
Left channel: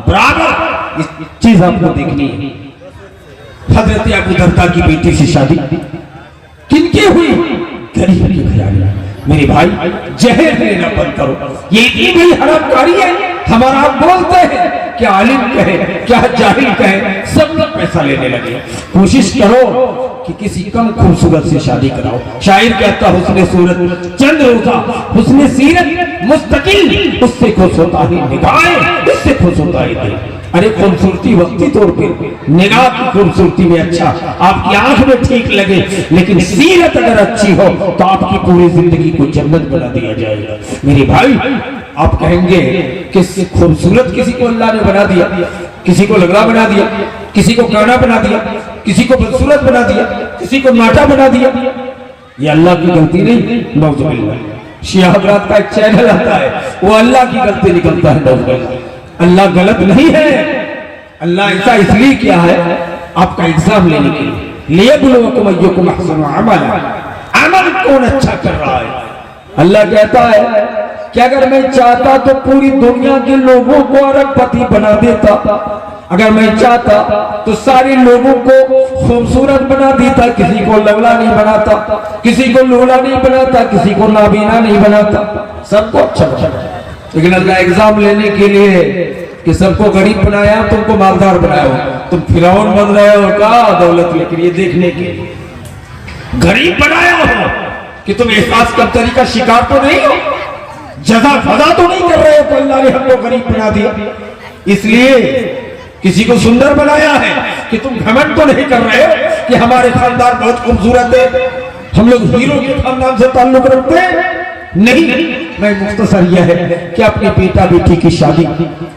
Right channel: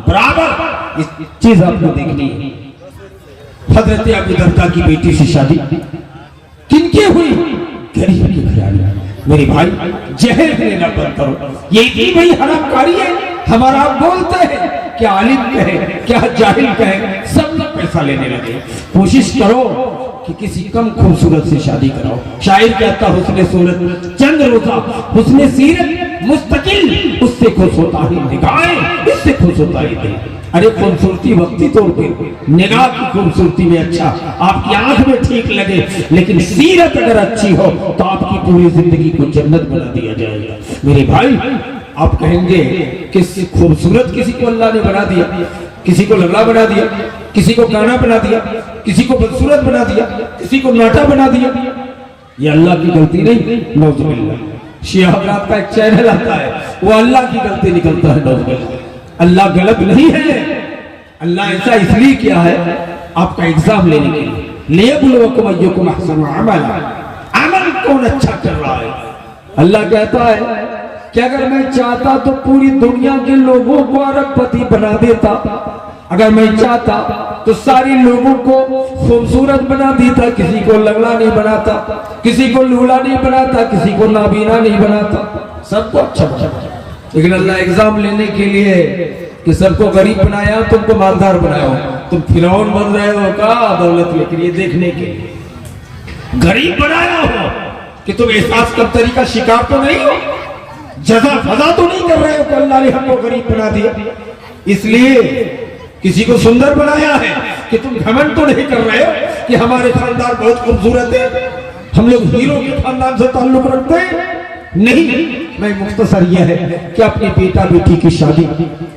बराबर, इस चीज आपको देखनी है। हजरत अबू दरदा की बेटी से शादी किनकी हुई? गरीब की घरानी। मेरे भाई जहर लेना बंद करो, ये भी भाई हरामकारी है। हमारा आप बोलते हैं क्या आलिम कहे क्या जाहिल कहे, सब लोग पैसा लेने लगे। कोशिश करो कि किसी कम खूबसूरत से शादी कराओ। शायर कहता हुस्ने सूरत चंद रोजा, हुस्ने सीरत मुस्तकिल, उससे खुश होता ही निगाहें, इससे खुश होता ही दिल। अरे खूबसूरती वक्ती तौर पर, निगाह की खूबसूरती में अच्छा आपकी आंख में ठीक लगे, लेकिन सीरत अगर अच्छी हो तो आपकी पूरी जिंदगी को जन्नत बना दिया जाएगा। मेरे भाई आप कहेंगे कि खूबसूरत किसी को अल्लाह ने बना दिया, किसी को लगड़ा बना दिया, किसी को काना बना दिया, किसी को बदसूरत बना दिया, किसी को नाटा बना दिया। ये अल्लाह की गलती नहीं, नौजुबिल्लाह। शिया हज़रात का एक चैनल आता है, वो अल्लाह की गलती निकलता है। नौजुबिल्लाह अल्लाह गलत नहीं है। अल्लाह ऐसा इसलिए किया है आपका एग्जाम लेने के लिए, लियब्लुवकुम अय्युकुम अहसनु अमला, अमल कौन अच्छा कर रहा है। अल्लाह कहता है कि अगर मैं चाहता तो पूरी दुनिया के लोगों को अरबपति बना देता, अगर मैं चाहता तो सारे लोगों को खूबसूरत बना देता, किसी को लगला नहीं बनाता, किसी को लूला नहीं बनाता, किसी को नाबीना नहीं बनाता, सबको अच्छा बनाता। लेकिन अल्लाह एग्जाम लेने के लिए कि सबको गरीब बनाया, तुमको मालदार बनाया हो, तुम फिरौन बन रहे हो का दौलत लेकर, ये देखने के लिए गरीब बनाया हो कि तुम एहसास कब्तरी का शिकार तो नहीं हो, जजा फजा तो नहीं कर रहे हो, तो अल्लाह ने हमको गरीब बना दिया। इसलिए किसी को सुंदर बनाया है कि तुम घमंड तो नहीं कर रहे हो कि हमारे खानदान बहुत खूबसूरत है, हम लोग हीरो के खानदान से ताल्लुक रखते हैं। नहीं, मैं मुख्तसर यह है कि अपने बेटा बेटी की शादी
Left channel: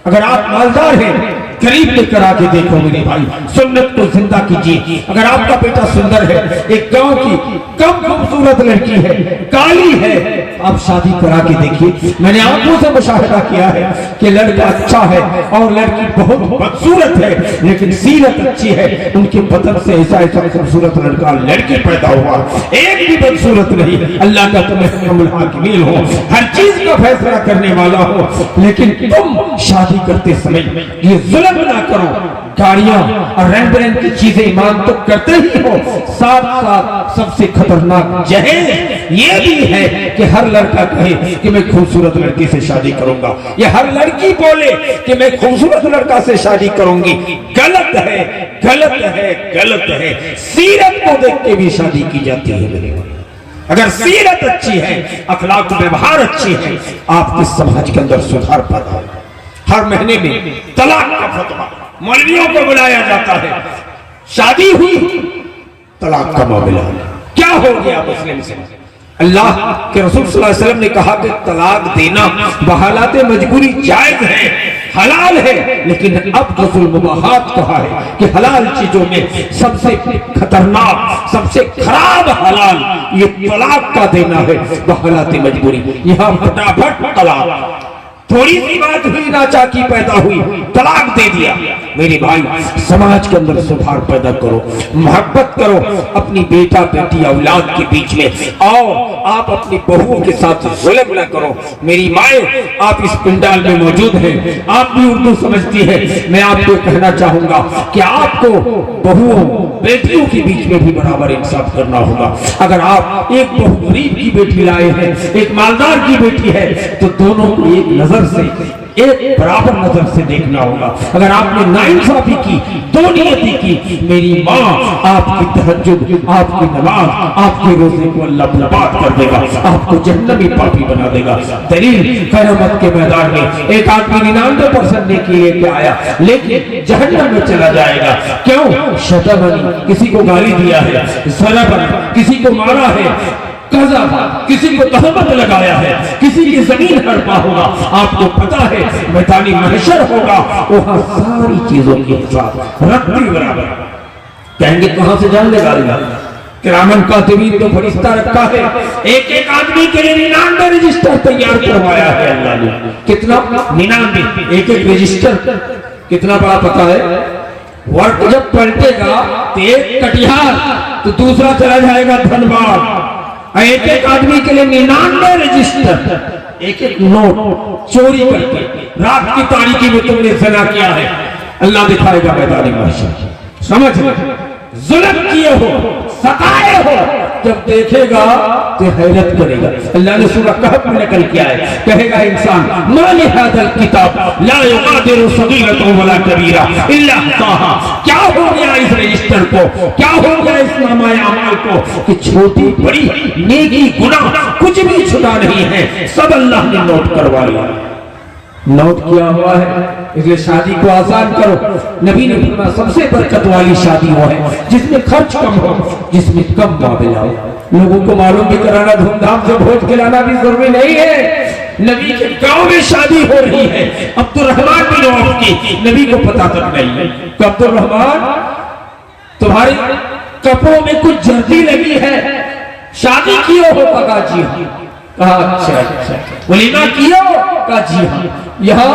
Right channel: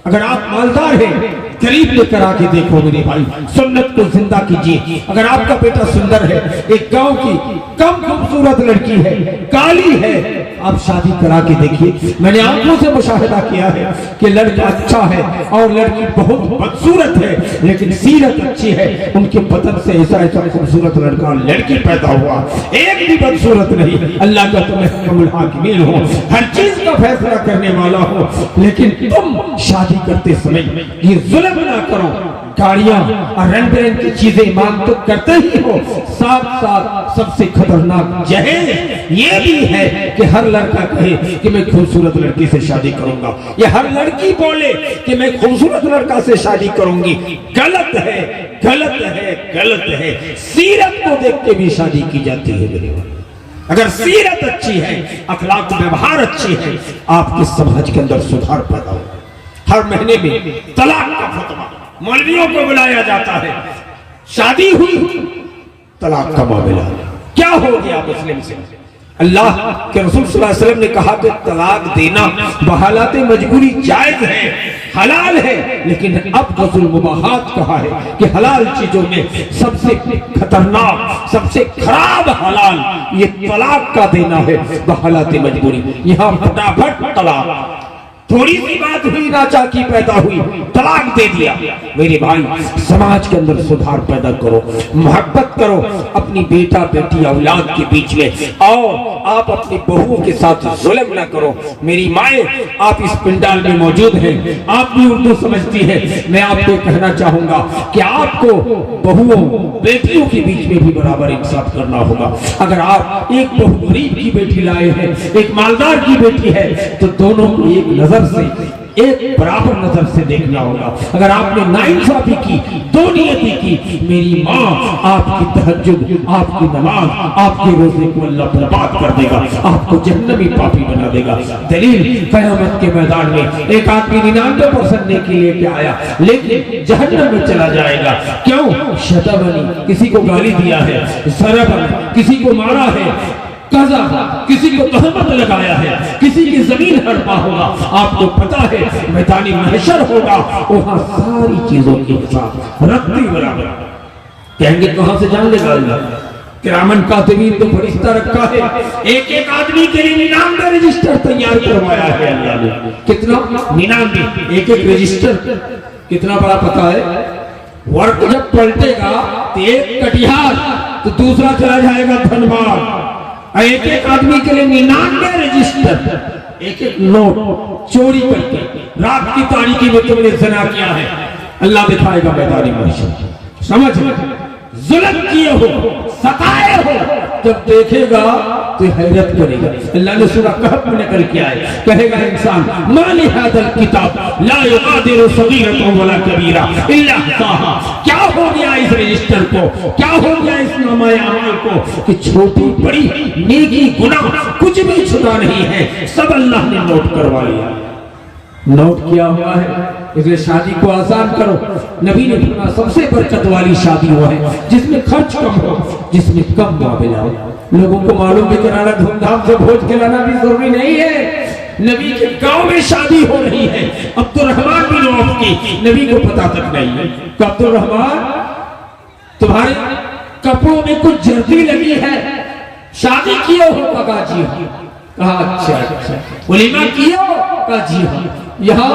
अगर आप मालदार हैं, गरीब लेकर आके देखो मेरे भाई, सुन्नत को जिंदा कीजिए। अगर आपका बेटा सुंदर है, एक गांव की कम खूबसूरत लड़की है, काली है, आप शादी करा के देखिए। मैंने आंखों से मुशाहिदा किया है कि लड़का अच्छा है और लड़की बहुत बदसूरत है, लेकिन सीरत अच्छी है। उनके बदन से ऐसा ऐसा खूबसूरत लड़का लड़की पैदा हुआ, एक भी बदसूरत नहीं। अल्लाह का तुम्हें हो, हर चीज का फैसला करने वाला हो, लेकिन तुम शादी करते समय ये जुल्म ना करो। गाड़ियां और रंग बिरंग की चीजें मांग तो करते ही हो, साथ साथ सबसे खतरनाक जहर ये भी है कि हर लड़का कहे कि मैं खूबसूरत लड़की से शादी करूंगा, या हर लड़की बोले कि मैं खूबसूरत लड़का से शादी करूंगी। गलत है, गलत है, गलत है। सीरत को देख के भी शादी की जाती है मेरे भाई। अगर सीरत अच्छी है, अखलाक व्यवहार अच्छी है, आपके समाज के अंदर सुधार पैदा हो। हर महीने में तलाक का फतवा, मौलवियों को बुलाया जाता है, शादी हुई तलाक का मामला। क्या हो गया मुस्लिम से? अल्लाह के रसूल सल्लल्लाहु अलैहि वसल्लम ने कहा कि तलाक देना बहालात मजबूरी जायज है, हलाल है, लेकिन अब गज़ुल मुबाहात कहा है कि हलाल चीजों में सबसे खतरनाक, सबसे खराब हलाल ये तलाक का देना है बहालात मजबूरी। यहाँ फटाफट तलाक, थोड़ी सी बात हुई, नाचाकी पैदा हुई, तलाक दे दिया। मेरे भाई, समाज के अंदर सुधार पैदा करो, मोहब्बत करो अपनी बेटा बेटी औलाद के बीच में, और आप अपनी बहुओं के साथ जुल्म न करो। मेरी माए, आप इस पंडाल में मौजूद हैं, आप भी उर्दू समझती है, मैं आपको कहना चाहूंगा कि आपको बहुओं बेटियों के बीच में भी बराबर इंसाफ करना होगा। अगर आप एक बहु गरीब की बेटी लाए हैं, एक मालदार की बेटी है, तो दोनों को एक नजर से, एक बराबर नजर से देखना होगा। अगर आपने नाइंसाफी की, दो नियति की, मेरी माँ आपकी तहज्जुद, आपकी नमाज, आपके रोजे को अल्लाह बर्बाद कर देगा, आपको जहन्नमी पापी बना देगा। दलील क़यामत के मैदान में एक आदमी 99% नेकी लेके आया, लेकिन जहन्नम में चला जाएगा। क्यों? शतमनी, किसी को गाली दिया है, सरबन, किसी को मारा है, किसी को तहमत लगाया है, किसी की जमीन हड़पा होगा। आपको पता है मैदानी महशर होगा, वहां सारी चीजों की हिसाब रत्ती बराबर। कहेंगे कहां से जान लेगा अल्लाह? किरामन कातिबीन तो फरिश्ता रखा है, एक एक आदमी के लिए 99 रजिस्टर तैयार करवाया है अल्लाह ने। कितना? 99, एक एक रजिस्टर। कितना बड़ा पता है? वर्क जब पलटेगा तो एक कटिहार तो दूसरा चला जाएगा धनबाद। एक एक आदमी के लिए 99 रजिस्टर, एक एक नोट चोरी करके रात की तारीकी में तुमने ज़िना किया है, अल्लाह दिखाएगा मैदानी महशर। समझ जुल्म किए हो, सताए हो, जब देखेगा तो हैरत करेगा। अल्लाह ने सूरह कहफ में निकल के आए, कहेगा इंसान मा लिहाज़ल किताब ला युगादिरु सगीरतन वला कबीरा इल्ला अहसाहा। क्या हो गया इस रजिस्टर को, क्या हो गया इस नामाए अमाल को कि छोटी बड़ी नेकी गुनाह कुछ भी छुपा नहीं है, सब अल्लाह ने नोट करवा लिया, नोट किया हुआ है। इसलिए शादी को आसान करो। नबी ने फरमाया सबसे बरकत वाली शादी वो है जिसमें खर्च कम हो, जिसमें कम मामला हो। लोगों को मालूम भी कराना, धूमधाम से भोज खिलाना भी जरूरी नहीं है। नबी के गांव में शादी हो रही है, अब्दुर्रहमान बिन औफ की, नबी को पता तक नहीं है। अब्दुर्रहमान, तुम्हारे कपड़ों में कुछ जर्दी लगी है, शादी किए हो? कहा जी हाँ। कहा अच्छा अच्छा, वलीमा किया? कहा जी हाँ। यहाँ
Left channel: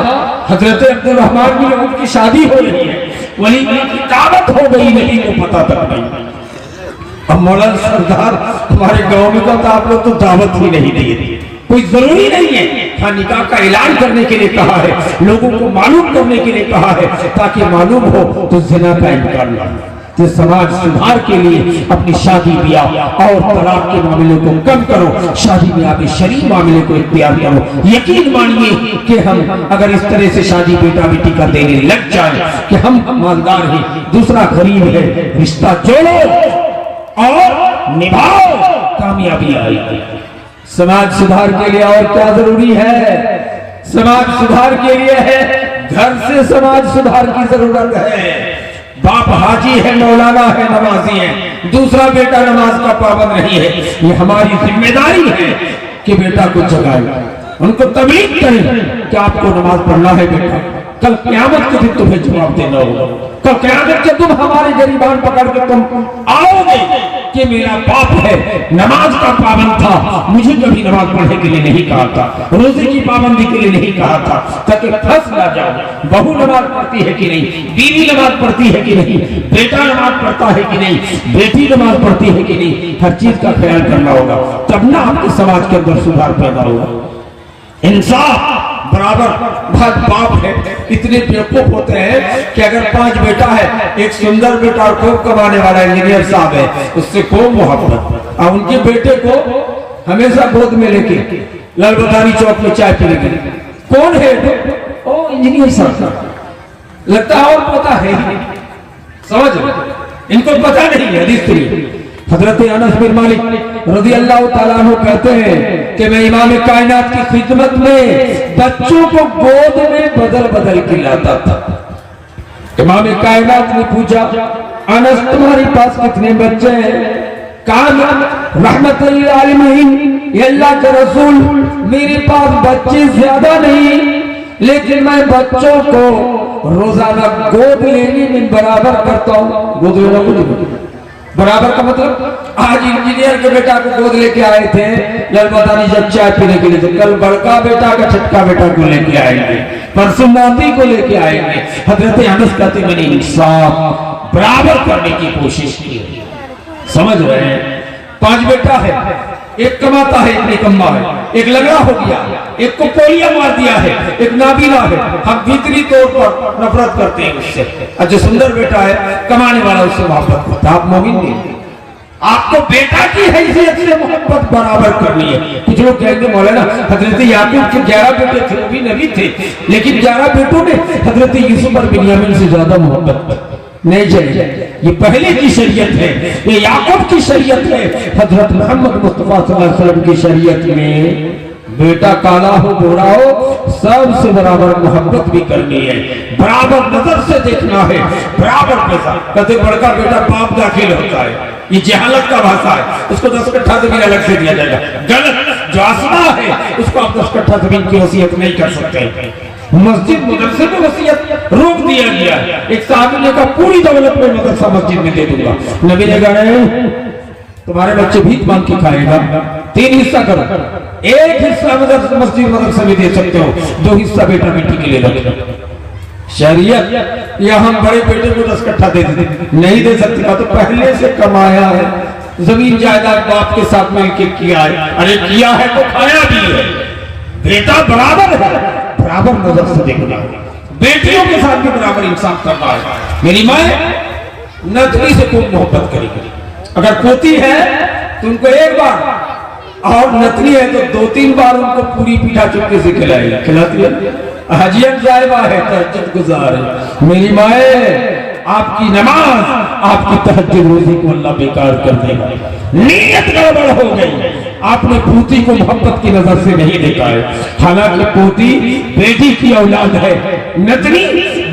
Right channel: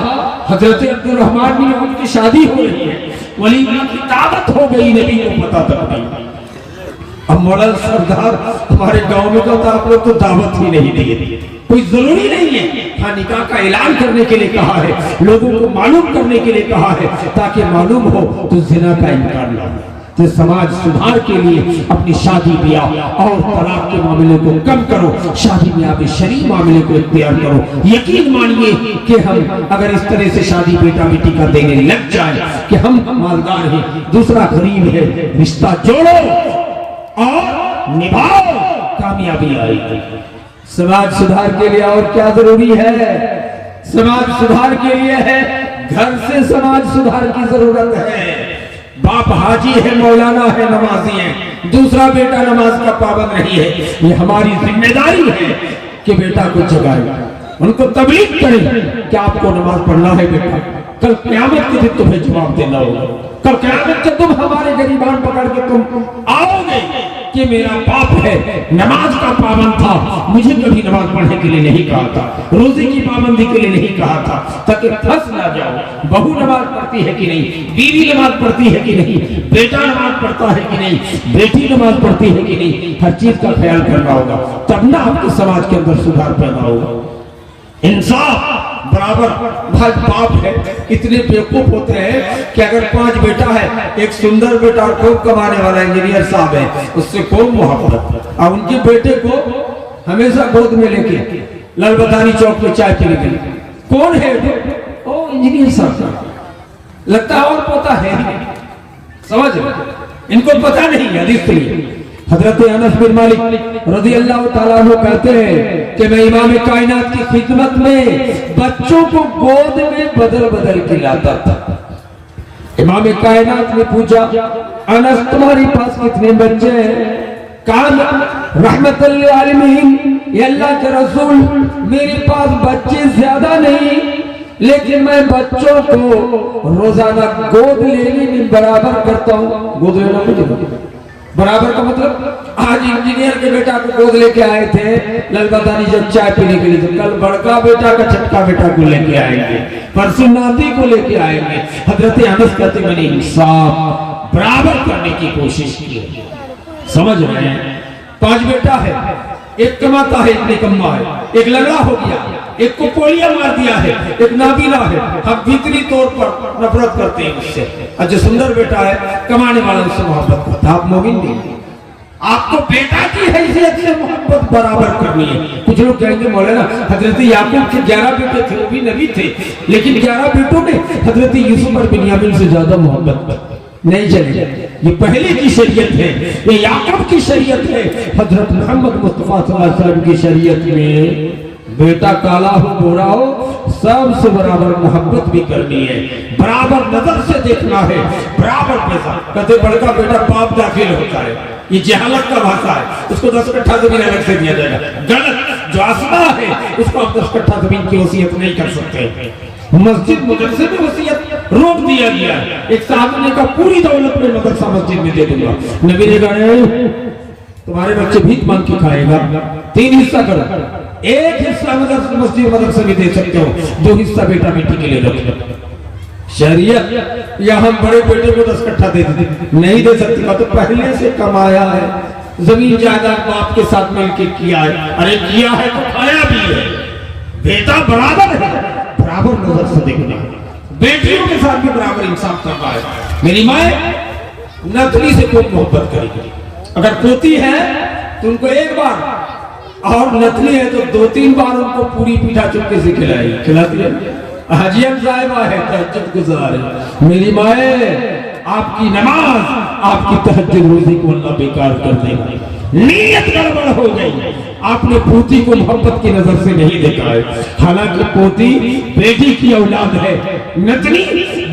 हजरत अब्दुर्रहमान बिन औफ की शादी हो रही है, वलीमा की दावत हो गई, नबी को पता तक नहीं। अब मौलाना सरदार हमारे गांव में तो आप लोग तो दावत ही नहीं दिए, कोई जरूरी नहीं है। हाँ, निकाह का ऐलान करने के लिए कहा है, लोगों को मालूम करने के लिए कहा है, ताकि मालूम हो तो ज़िना का इनकार न हो। तो समाज सुधार के लिए अपनी शादी ब्याह और तलाक के मामले को कम करो, शादी ब्याह शरीफ मामले को इख्तियार करो। यकीन मानिए कि हम अगर इस तरह से शादी बेटा बेटी का देने लग जाए कि हम मालदार हैं, दूसरा गरीब है, रिश्ता जोड़ो और निभाओ, कामयाबी आएगी। समाज सुधार के लिए और क्या जरूरी है? समाज सुधार के लिए है घर से समाज सुधार की जरूरत है। बाप हाजी है, मौलाना है, नमाजी है, दूसरा बेटा नमाज का पाबंद नहीं है। ये हमारी जिम्मेदारी है कि बेटा को जगाए, उनको तबलीग करें कि आपको नमाज पढ़ना है बेटा, कल क़यामत के दिन तुम्हें जवाब देना होगा। कल क़यामत के तुम हमारे गरीबान पकड़ के तुम आओगे कि मेरा बाप है, नमाज का पाबंद था, मुझे कभी नमाज पढ़ने के लिए नहीं कहा था, रोजे की पाबंदी के लिए नहीं कहा था, ताकि फंस ना जाओ। बहू नमाज पढ़ती है कि नहीं, बीवी नमाज पढ़ती है कि नहीं, बेटा नमाज पढ़ता है कि नहीं, बेटी नमाज पढ़ती है कि नहीं, हर चीज का ख्याल करना होगा, तब ना आपके समाज के अंदर सुधार पैदा होगा। इंसाफ बराबर। भाई बाप है, इतने बेवकूफ होते हैं कि अगर 5 बेटा है, एक सुंदर बेटा और खूब कमाने वाला इंजीनियर साहब है, उससे खूब मोहब्बत, और उनके बेटे को हमेशा गोद में लेके लालबदारी चौक में चाय पीने के लिए, कौन है ओ इंजीनियर साहब, लगता है और पता है, समझ इनको पता नहीं है। हजरत अनस बिन मालिक रज़ी अल्लाह ताला अन्हु कहते हैं कि मैं इमाम कायनात की खिदमत में बच्चों को गोद में बदल बदल के लाता था। इमाम कायनात ने पूछा, अनस तुम्हारे पास कितने बच्चे हैं? कान रहमतुल लिल आलमीन, ये अल्लाह के रसूल, मेरे पास बच्चे ज्यादा नहीं, लेकिन मैं बच्चों को रोजाना गोद लेने में बराबर करता हूँ। गोद लेना मुझे बराबर का मतलब, आज इंजीनियर के बेटा को गोद लेके आए थे ललबदानी जब चाय पीने के लिए, तो कल बड़का बेटा का छठा बेटा को लेके आएंगे, परसों नाती को लेके आएंगे। हजरत अनस कहते मैंने इंसाफ बराबर करने की कोशिश की। समझ रहे हैं? 5 बेटा है, एक कमाता है, इतने कमा है, एक लगा हो गया, एक को पोलिया मार दिया है, एक नाबीना है, हम भीतरी तौर पर नफरत करते हैं उससे। और जो सुंदर बेटा है, कमाने वाला, उससे मोहब्बत करता है। आप मोमिन नहीं, आपको बेटा की हैसियत से मोहब्बत बराबर करनी है। कुछ लोग कहेंगे मौलाना हजरत याकूब के 11 बेटे थे, वो भी नबी थे, लेकिन 11 बेटों ने हजरत यूसुफ और बिन्यामीन से ज्यादा मोहब्बत नहीं चलेगा। ये पहले की शरीयत है, ये याकूब की शरीयत है। हजरत मोहम्मद मुस्तफा सल्लल्लाहु अलैहि वसल्लम की शरीयत में बेटा काला हो गोरा हो, सबसे बराबर मोहब्बत भी करनी है, बराबर नजर से देखना है, बराबर पैसा। कहते बड़का बेटा बाप दाखिल होता है, ये जहालत का भाषा है, उसको 10 कट्ठा जमीन अलग से दिया जाएगा। गलत, जो आसमा है उसको आप 10 कट्ठा जमीन की वसीयत नहीं कर सकते। मस्जिद मदरसे में वसीयत रोक दिया गया। एक साहब ने कहा पूरी दौलत में मदरसा मस्जिद में दे दूंगा। नबी ने कहा तुम्हारे बच्चे भीख मांग के खाएगा, 3 हिस्सा करो, एक हिस्सा मस्जिद मदरसा में दे सकते हो, 2 हिस्सा बेटा बेटी के लिए रखो। शरीयत या हम बड़े बेटे को 10 कट्ठा दे देते, नहीं दे सकती। तो पहले से कमाया है, जमीन जायदाद बाप के साथ मिलकर किया है, अरे किया है तो खाया भी है। बेटा बराबर है, बराबर नजर से देखना, बेटियों के साथ भी बराबर इंसाफ करना है। मेरी माँ नतनी से खूब मोहब्बत करेगी, अगर पोती है तो उनको एक बार, और नतनी है तो 2-3 बार उनको पूरी पीठा चुपके से खिलाएगी। खिलाती है, हजियत साहिबा है, तहज्जुद गुजार है। मेरी माए आपकी नमाज, आपकी तहज्जुद रोजी को अल्लाह बेकार कर देगा। नीयत गड़बड़ हो गई, आपने पोती को मोहब्बत की नजर से नहीं देखा है, हालांकि पोती बेटी की औलाद है, नतनी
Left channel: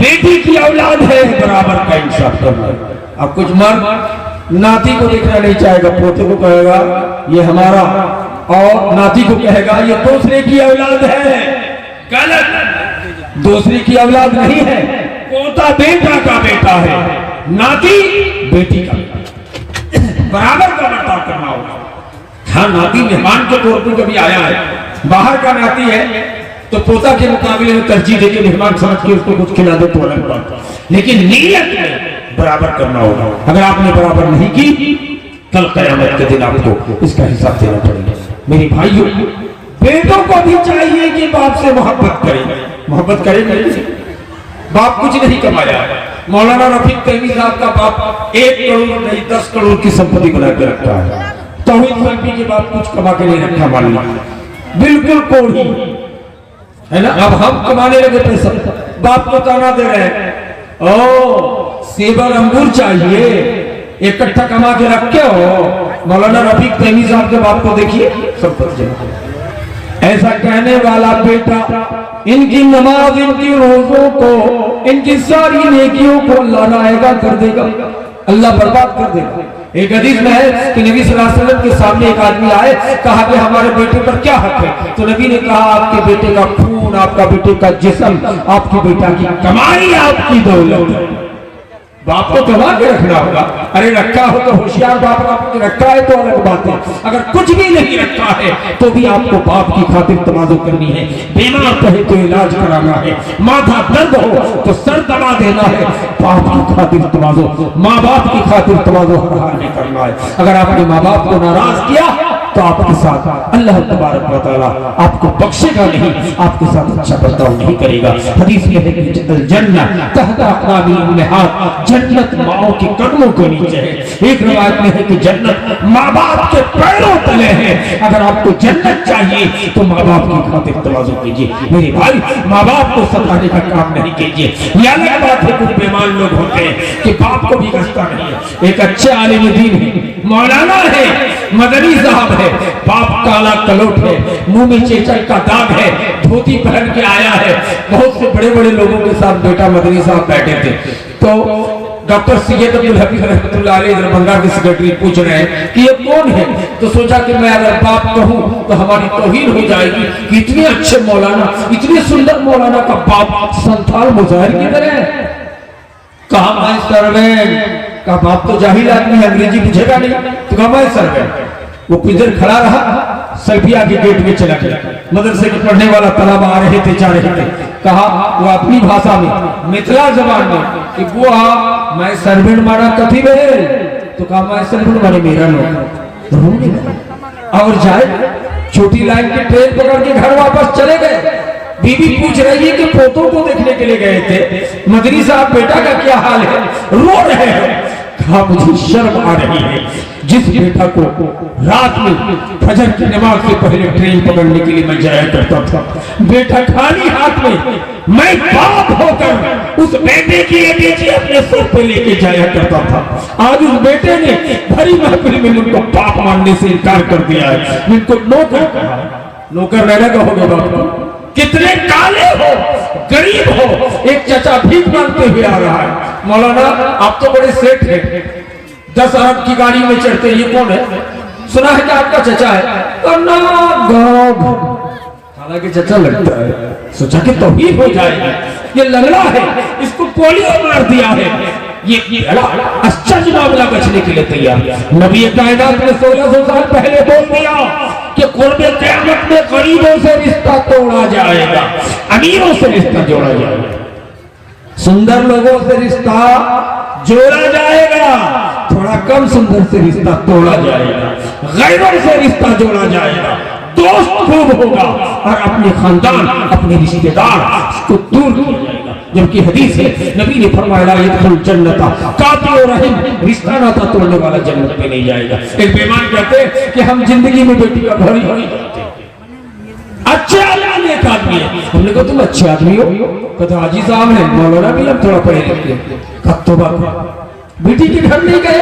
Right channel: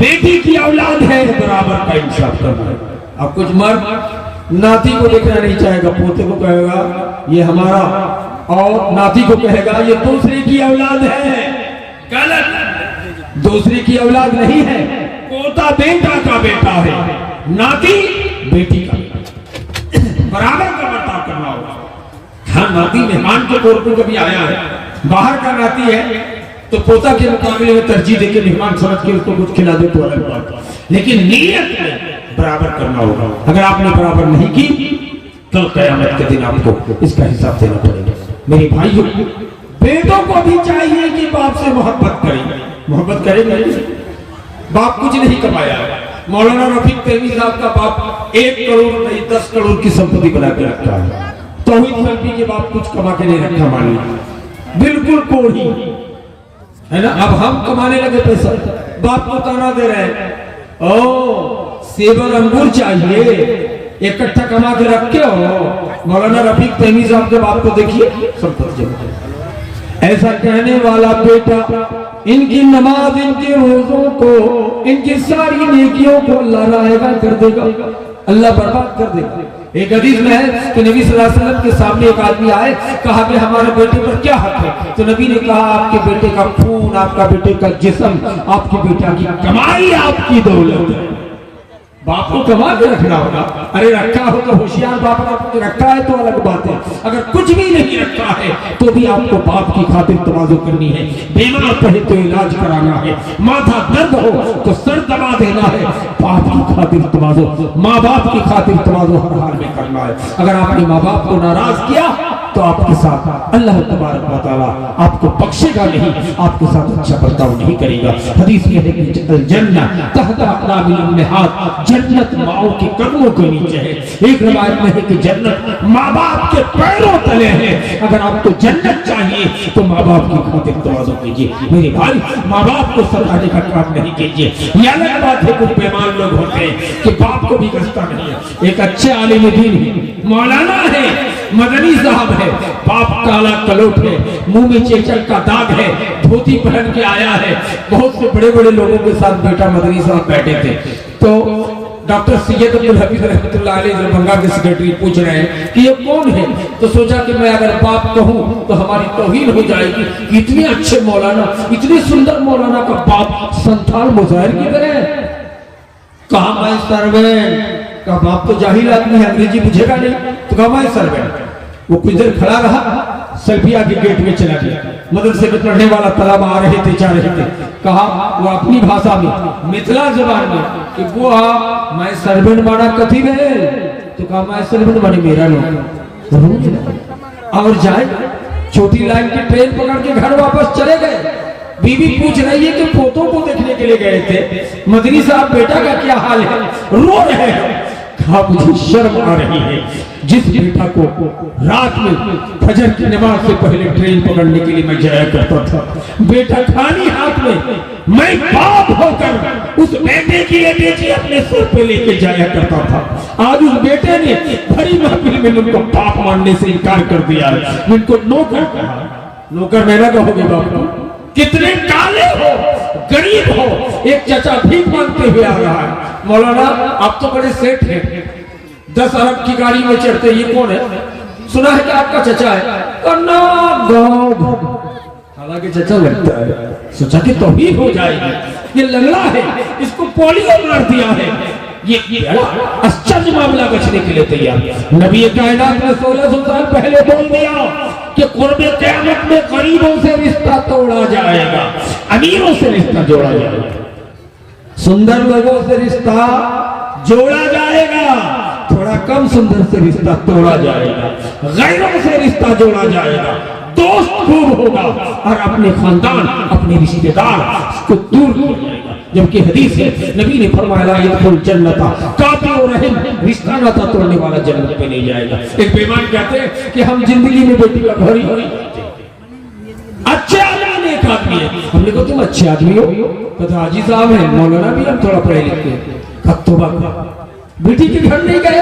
बेटी की औलाद है, बराबर का इंसाफ करना है। अब कुछ मर्द नाती को देखना नहीं चाहेगा, पोते को कहेगा ये हमारा, और नाती को कहेगा ये दूसरे की औलाद है। गलत, दूसरे की औलाद नहीं है, पोता बेटा का बेटा है, नाती बेटी का, बराबर का बर्ताव करना होगा। हाँ, नाती मेहमान के तौर पर कभी आया है, बाहर का नाती है तो पोता के मुकाबले में तरजीह देके मेहमान समझ के उसको कुछ खिला दे तो अलग बात, लेकिन नीयत में बराबर करना होगा। अगर आपने बराबर नहीं की, कल क़यामत के दिन आपको इसका हिसाब देना पड़ेगा। मेरे भाइयों, बेटों को भी चाहिए कि बाप से मोहब्बत करें। मोहब्बत करेंगे, बाप कुछ नहीं कमाया है। मौलाना रफीक तहमी साहब का बाप 1 करोड़ नहीं 10 करोड़ की संपत्ति बना के रखा है। तौहीद सल्फी के बाप कुछ कमा के नहीं रखा, मान लीजिए बिल्कुल कोड़ी है ना। अब हम कमाने लगे पैसा, बाप को ताना दे रहे हैं, ओ सेब अंगूर चाहिए, इकट्ठा कमा के रखे हो। मौलाना रफीक तहमी साहब जब आपको देखिए संपत्ति जमा, ऐसा कहने वाला बेटा इनकी नमाज, इनकी रोजों को, इनकी सारी नेकियों को अल्लाह नाएगा कर देगा, अल्लाह बर्बाद कर देगा। एक हदीस में है कि नबी सल्लल्लाहु अलैहि वसल्लम के सामने एक आदमी आए, कहा कि हमारे बेटे पर क्या हक है? तो नबी ने कहा आपके बेटे का खून, आपका बेटे का जिस्म, आपकी बेटा की कमाई, आपकी दौलत। बाप को कमा के रखना होगा। अरे रखा हो तो होशियार बाप ने रखा है तो अलग बात है, अगर कुछ भी नहीं रखा है तो भी आपको बाप की खातिर तवाज़ु करनी है। बीमार कहे तो इलाज कराना है, माथा दर्द हो तो सर दबा देना है, बाप की खातिर तवाज़ु, माँ बाप की खातिर तवाज़ु हर हाल में करना है। अगर आपने माँ बाप को नाराज किया तो आपके साथ अल्लाह तबारक व तआला आपको बख्शेगा नहीं, आपके साथ अच्छा बर्ताव नहीं करेगा। हदीस में है कि जन्नत तहत अक़दामिल उम्महात, जन्नत माओ के कदमों के नीचे है। एक रिवायत में है कि जन्नत माँ बाप के पैरों तले है। अगर आपको जन्नत चाहिए तो माँ बाप की खातिर तवाज़ु कीजिए मेरे भाई, माँ बाप को सताने का काम नहीं कीजिए। ये अलग बात है कुछ बेईमान लोग होते हैं कि बाप को भी गस्ता नहीं है। एक अच्छे आलिम दीन है, मौलाना है, मदनी साहब है, बाप काला कलोट है, मुंह में चेचक का दाग है, धोती पहन के आया है। बहुत से बड़े बड़े लोगों के साथ बेटा मदनी साहब बैठे थे, तो डॉक्टर सैयद अब्दुल हफीज रहमतुल्लाह अलैह दरभंगा के सेक्रेटरी पूछ रहे हैं कि ये कौन है, तो सोचा कि मैं अगर बाप कहूं तो हमारी तौहीन हो जाएगी। इतने अच्छे मौलाना, इतने सुंदर मौलाना का बाप संथाल मुजाहिर की तरह कहा मैं सर्वेंट का बाप तो जाहिल आदमी है, अंग्रेजी बुझेगा नहीं, तो कहा मैं सर्वेंट। वो किधर खड़ा रहा, सल्फिया के गेट में चला गया। मदरसे के पढ़ने वाला तलब आ रहे थे, जा रहे थे, कहा वो अपनी भाषा में मिथिला जबान में कि बुआ मैं सर्वेंट माना कथी में, तो कहा मैं सर्वेंट माने मेरा लोग और जाए। छोटी लाइन की ट्रेन पकड़ के घर वापस चले गए। बीवी पूछ रही है कि पोतों को देखने के लिए गए थे, मदनी साहब बेटा का क्या हाल है, रो रहे हैं। कहा मुझे शर्म आ रही है, जिस बेटा को रात में फजर की नमाज से पहले ट्रेन पकड़ने के लिए मैं जाया करता था, बेटा खाली हाथ में, मैं बाप होकर उस बेटे की एटीजी अपने सर पे लेके जाया करता था। आज उस बेटे ने भरी महफिल में उनको बाप मानने से इनकार कर दिया है, उनको नौकर कहा। नौकर रहना कहोगे बाप को, कितने काले हो, गरीब हो। एक चचा भीख मांगते हुए आ रहा है, मौलाना आप तो बड़े सेठ हैं, 10 अरब की गाड़ी में चढ़ते, ये कौन है, सुना है कि आपका चचा है। हालांकि चचा लगता है, सोचा कि तौहीद हो जाएगी, ये लंगड़ा है, इसको पोलियो मार दिया है, ये आश्चर्य मामला बचने के लिए तैयार। नबी कायनात ने 1600 साल पहले बोल दिया कि क़ुर्बे क़यामत में गरीबों से रिश्ता तोड़ा जाएगा, अमीरों से रिश्ता जोड़ा जाएगा, सुंदर लोगों से रिश्ता जोड़ा जाएगा, थोड़ा कम सुंदर से रिश्ता तोड़ा जाएगा, गैरों से रिश्ता जोड़ा जाएगा, दोस्त खूब होगा और अपने खानदान, अपने रिश्तेदार को दूर किया जाएगा। जबकि हदीस है, नबी ने फरमाया यदखुल जन्नता कातिउ रहम, रिश्ता नाता तोड़ने वाला जन्नत में नहीं जाएगा। एक बेईमान कहते हैं कि हम जिंदगी में बेटी का घोड़ी अच्छे आदमी, एक आदमी है, हमने कहा तुम अच्छे आदमी हो, पता हाजी साहब है, मौलाना भी हम थोड़ा पढ़े लिखे, बेटी के घर नहीं गए।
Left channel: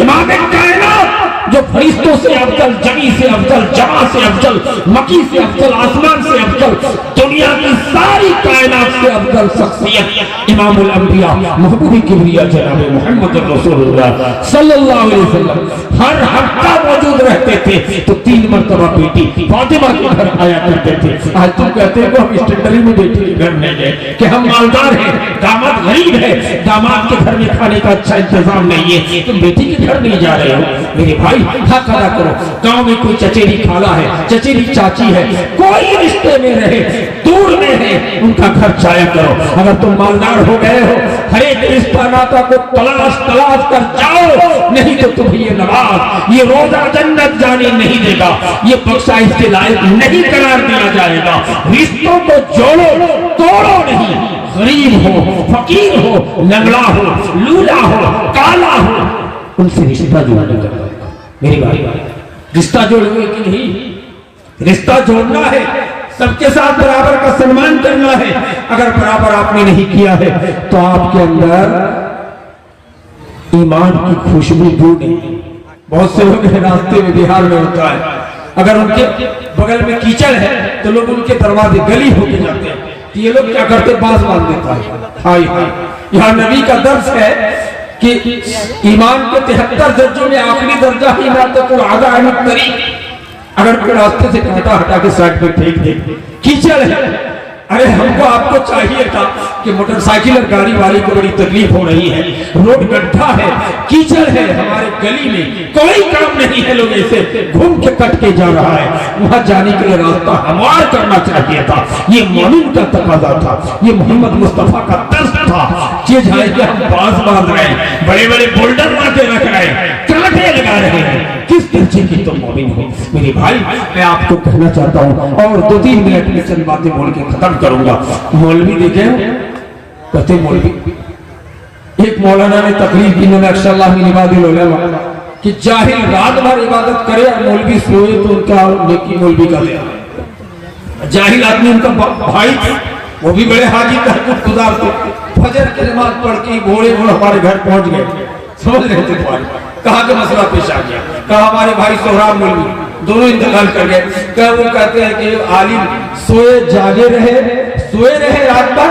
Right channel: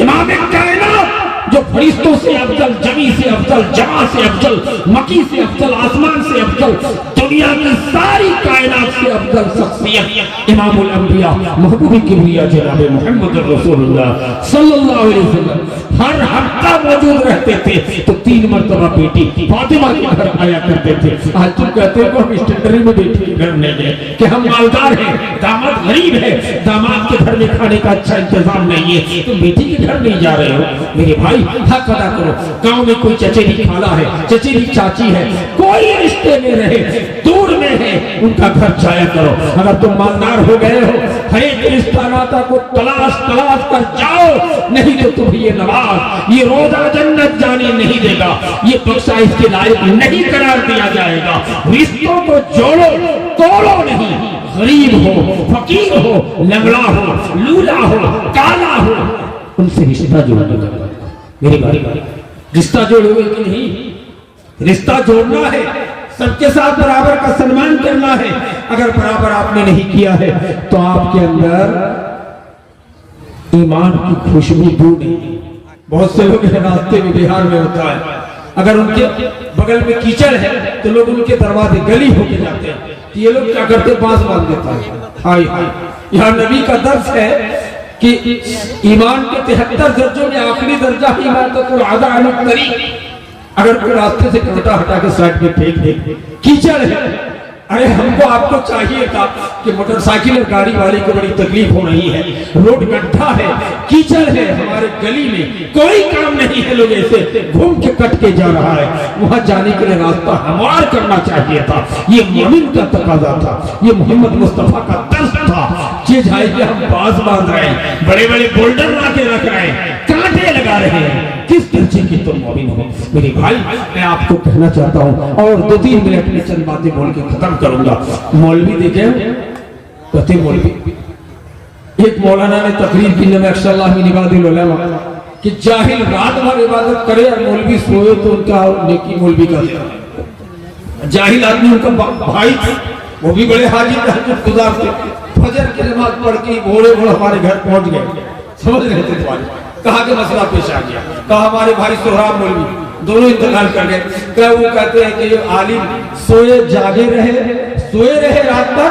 इमाम कायनात जो फरिश्तों से अफजल, जमी से अफजल, जमा से अफजल, मकी से अफजल, आसमान से अफजल, दुनिया की सारी कायनात से अफजल शख्सियत इमामुल अंबिया महबूब किबरिया जनाब मोहम्मद रसूलुल्लाह सल्लल्लाहु अलैहि वसल्लम हर हफ्ता मौजूद रहते थे। तो 3 मरतबा बेटी फातिमा के घर आया करते थे। आज तुम कहते हो हम स्टैंडरी में बेटी के घर नहीं गए कि हम मालदार हैं, दामाद गरीब है, दामाद के घर में खाने का अच्छा इंतजाम नहीं है, तुम बेटी के घर नहीं जा रहे हो। मेरे भाई हक अदा करो। गांव में कोई चचेरी खाला है, चचेरी चाची है, कोई रिश्ते में रहे, दूर में है, उनका घर जाया करो। अगर तुम मालदार हो गए हो, हर एक रिश्ता नाता को तलाश कर जाओ, नहीं तो तुम्हें ये नवाज, ये रोजा जन्नत जाने नहीं देगा, ये बख्शा इसके लायक नहीं करार दिया जाएगा। रिश्तों को जोड़ो, तोड़ो नहीं। गरीब हो, फकीर हो, लंगड़ा हो, लूला हो, काला हो, उनसे रिश्ता जोड़ने का मेरे भाई, रिश्ता जोड़ोगे कि नहीं? रिश्ता जोड़ना है, सबके साथ बराबर का सम्मान करना है। अगर बराबर आपने नहीं किया है तो आपके अंदर ईमान की खुशबू दूर नहीं। बहुत से लोग रास्ते में बिहार में होता है, अगर उनके बगल में कीचड़ है तो लोग उनके दरवाजे गली होके जाते हैं, तो ये लोग क्या करते, बांस बांध देता है। हाय यहाँ नबी का दर्ज है कि ईमान के 73 दर्जों में आखिरी दर्जा ही अगर कोई रास्ते से कांटा हटा के साइड में फेंक दे, कीचड़ है। अरे हमको आपको चाहिए था कि मोटरसाइकिल और गाड़ी वाले को बड़ी तकलीफ हो रही है, रोड गड्ढा है, कीचड़ है, हमारे गली में कोई काम नहीं है, लोग ऐसे घूम के कट के जा रहा है, वहां जाने के लिए रास्ता हमवार करना चाहिए था। ये मोमिन का तकाजा था, ये मोहम्मद मुस्तफा का दर्द था। ये जाए कि हम बाज बांध रहे हैं, बड़े बड़े बोल्डर ला के रख रहे हैं, कांटे लगा रहे हैं, किस सच्चे की तुम मोमिन हो। मेरे भाई मैं आपको कहना चाहता हूँ और 2-3 मिनट में चंद बातें बोल के खत्म करूंगा। मौलवी देखे कहते मौलवी, एक मौलाना ने तकरीर की कि जाहिल रात भर इबादत करे और मौलवी सोए तो उनका नेकी मौलवी का दे। जाहिल आदमी उनका भाई थे, वो भी बड़े हाजी तहज्जुद गुजार थे, फजर की नमाज पढ़ के घोड़े घोड़े हमारे घर पहुंच गए। समझ रहे थे तुम्हारे कहा के मसला पेश आ गया। कहा हमारे भाई सोहराब मौलवी दोनों इंतकाल कर गए। क्या वो कहते हैं कि आलिम सोए जागे रहे रात भर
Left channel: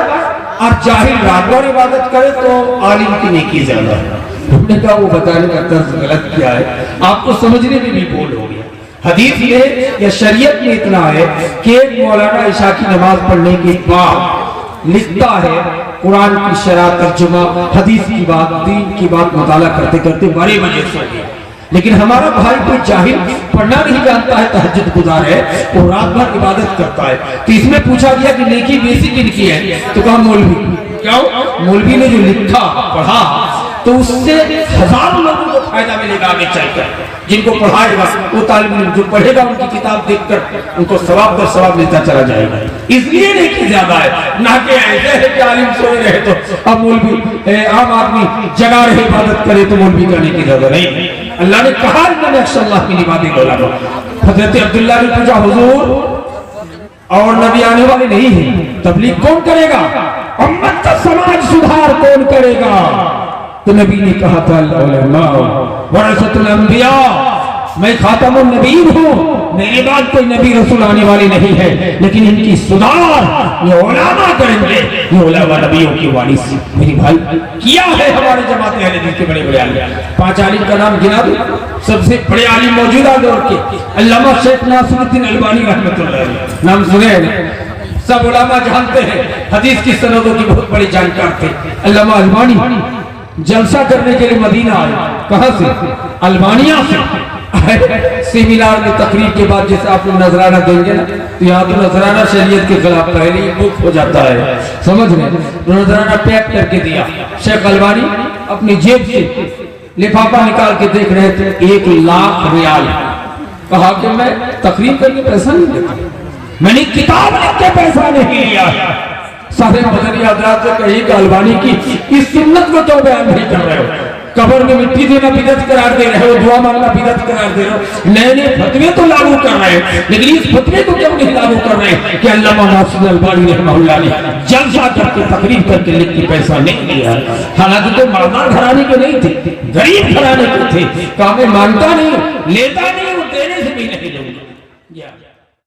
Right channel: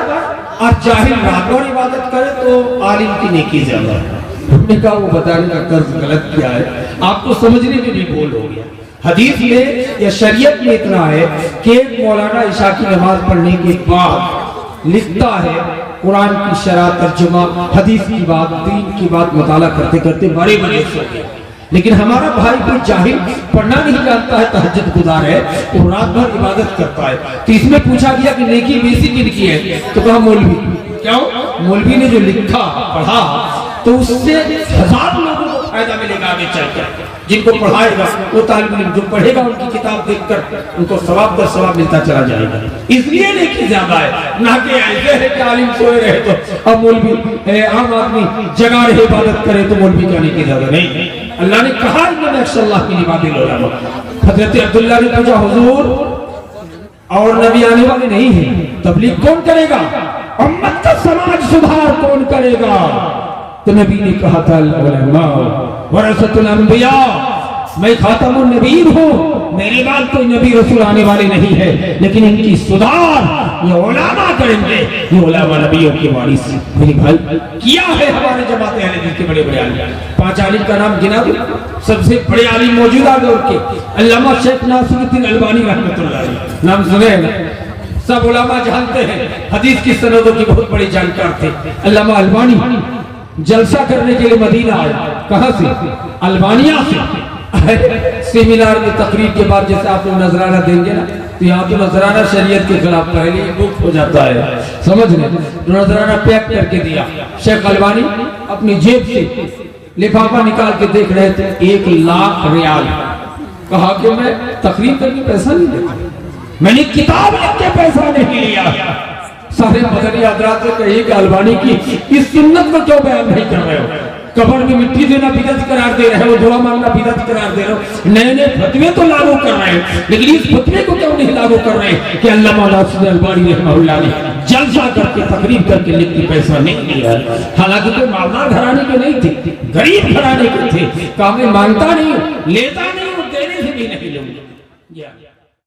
और जाहिल रात भर इबादत करे तो आलिम की नेकी ज्यादा है। हमने कहा वो बताने का तर्ज गलत क्या है, आपको समझने में भी भूल हो गया। हदीस में या शरीयत में इतना है कि एक मौलाना इशा की नमाज पढ़ने के बाद लिखता है कुरान की शरह तर्जुमा, हदीस की बात, दीन की बात मुताला करते करते 12 बजे सो गए। लेकिन हमारा भाई कोई जाहिल पढ़ना नहीं जानता है, तहज्जुद गुजार है, वो रात भर इबादत करता है। तो इसमें पूछा गया कि नेकी बेसी किनकी है, तो कहा मौलवी। क्यों? मौलवी ने जो लिखा पढ़ा तो उससे 1000 लोगों को फायदा मिलेगा आगे चलकर। जिनको पढ़ाएगा वो तालिब इल्म जो पढ़ेगा उनकी किताब देखकर उनको सवाब पर सवाब मिलता चला जाएगा। इसलिए नेकी ज्यादा है, ना कि ऐसे है कि आलिम सोए रहे तो अब मौलवी आम आदमी जगा रहे इबादत करे तो मौलवी का नेकी ज्यादा नहीं। अल्लाह ने कहा अल्लाह की इबादत करो। हजरत अब्दुल्लाह ने पूछा हुजूर और नबी आने वाले नहीं है, तबलीग कौन करेगा, उम्मत का समाज सुधार कौन करेगा? तो नबी ने कहा था वरसतुल अंबिया, मैं खातमुन नबीय्यीन हूँ, मेरे बाद कोई नबी रसूल आने वाले नहीं है, लेकिन इनकी सुधार ये उलमा करेंगे, ये उलमा नबियों की वारिस। मेरे भाई किया है हमारे जमाते अहले हदीस के बड़े बड़े आलिम। 5 आलिम का नाम गिना दो, सबसे बड़े आलिम मौजूदा दौर के अल्लामा शेख नासिरुद्दीन अलबानी रहमतुल्लाह अलैह, नाम सुने सब उलमा जानते हैं, हदीस की सनदों की बहुत बड़ी जानकार थे। अल्लामा अलबानी जलसा करने के लिए मदीना आए, कहां से? अल्बानिया से। सेमिनार में तकरीर के बाद जैसे आप लोग नजराना देंगे ना, तो यहाँ तो नजराना शरीयत के खिलाफ पहले ही बुक हो जाता है, समझ रहे? तो नजराना पैक करके दिया। शेख अलबानी अपनी जेब से लिफाफा निकाल के देख रहे थे, 1 लाख रियाल। कहा कि मैं तकरीर करके पैसा नहीं लेता, मैंने किताब लिख के पैसा नहीं लिया। सारे मदनी हज़रात से कही कि अलबानी की इस सुन्नत को क्यों बयान नहीं कर रहे हो? कब्र में मिट्टी देना बिदअत करार दे रहे हो, दुआ मांगना बिदअत करार दे रहे हो, नए नए फतवे तो लागू कर रहे हैं, लेकिन इस फतवे को क्यों नहीं लागू कर रहे कि अल्लामा नासिरुद्दीन अलबानी रहमतुल्लाह ने जलसा करके तकरीर करके लिख के पैसा नहीं दिया। हालांकि तो मालदार घराने के नहीं थे, गरीब घराने के थे। कहा मैं मानता नहीं, लेता नहीं,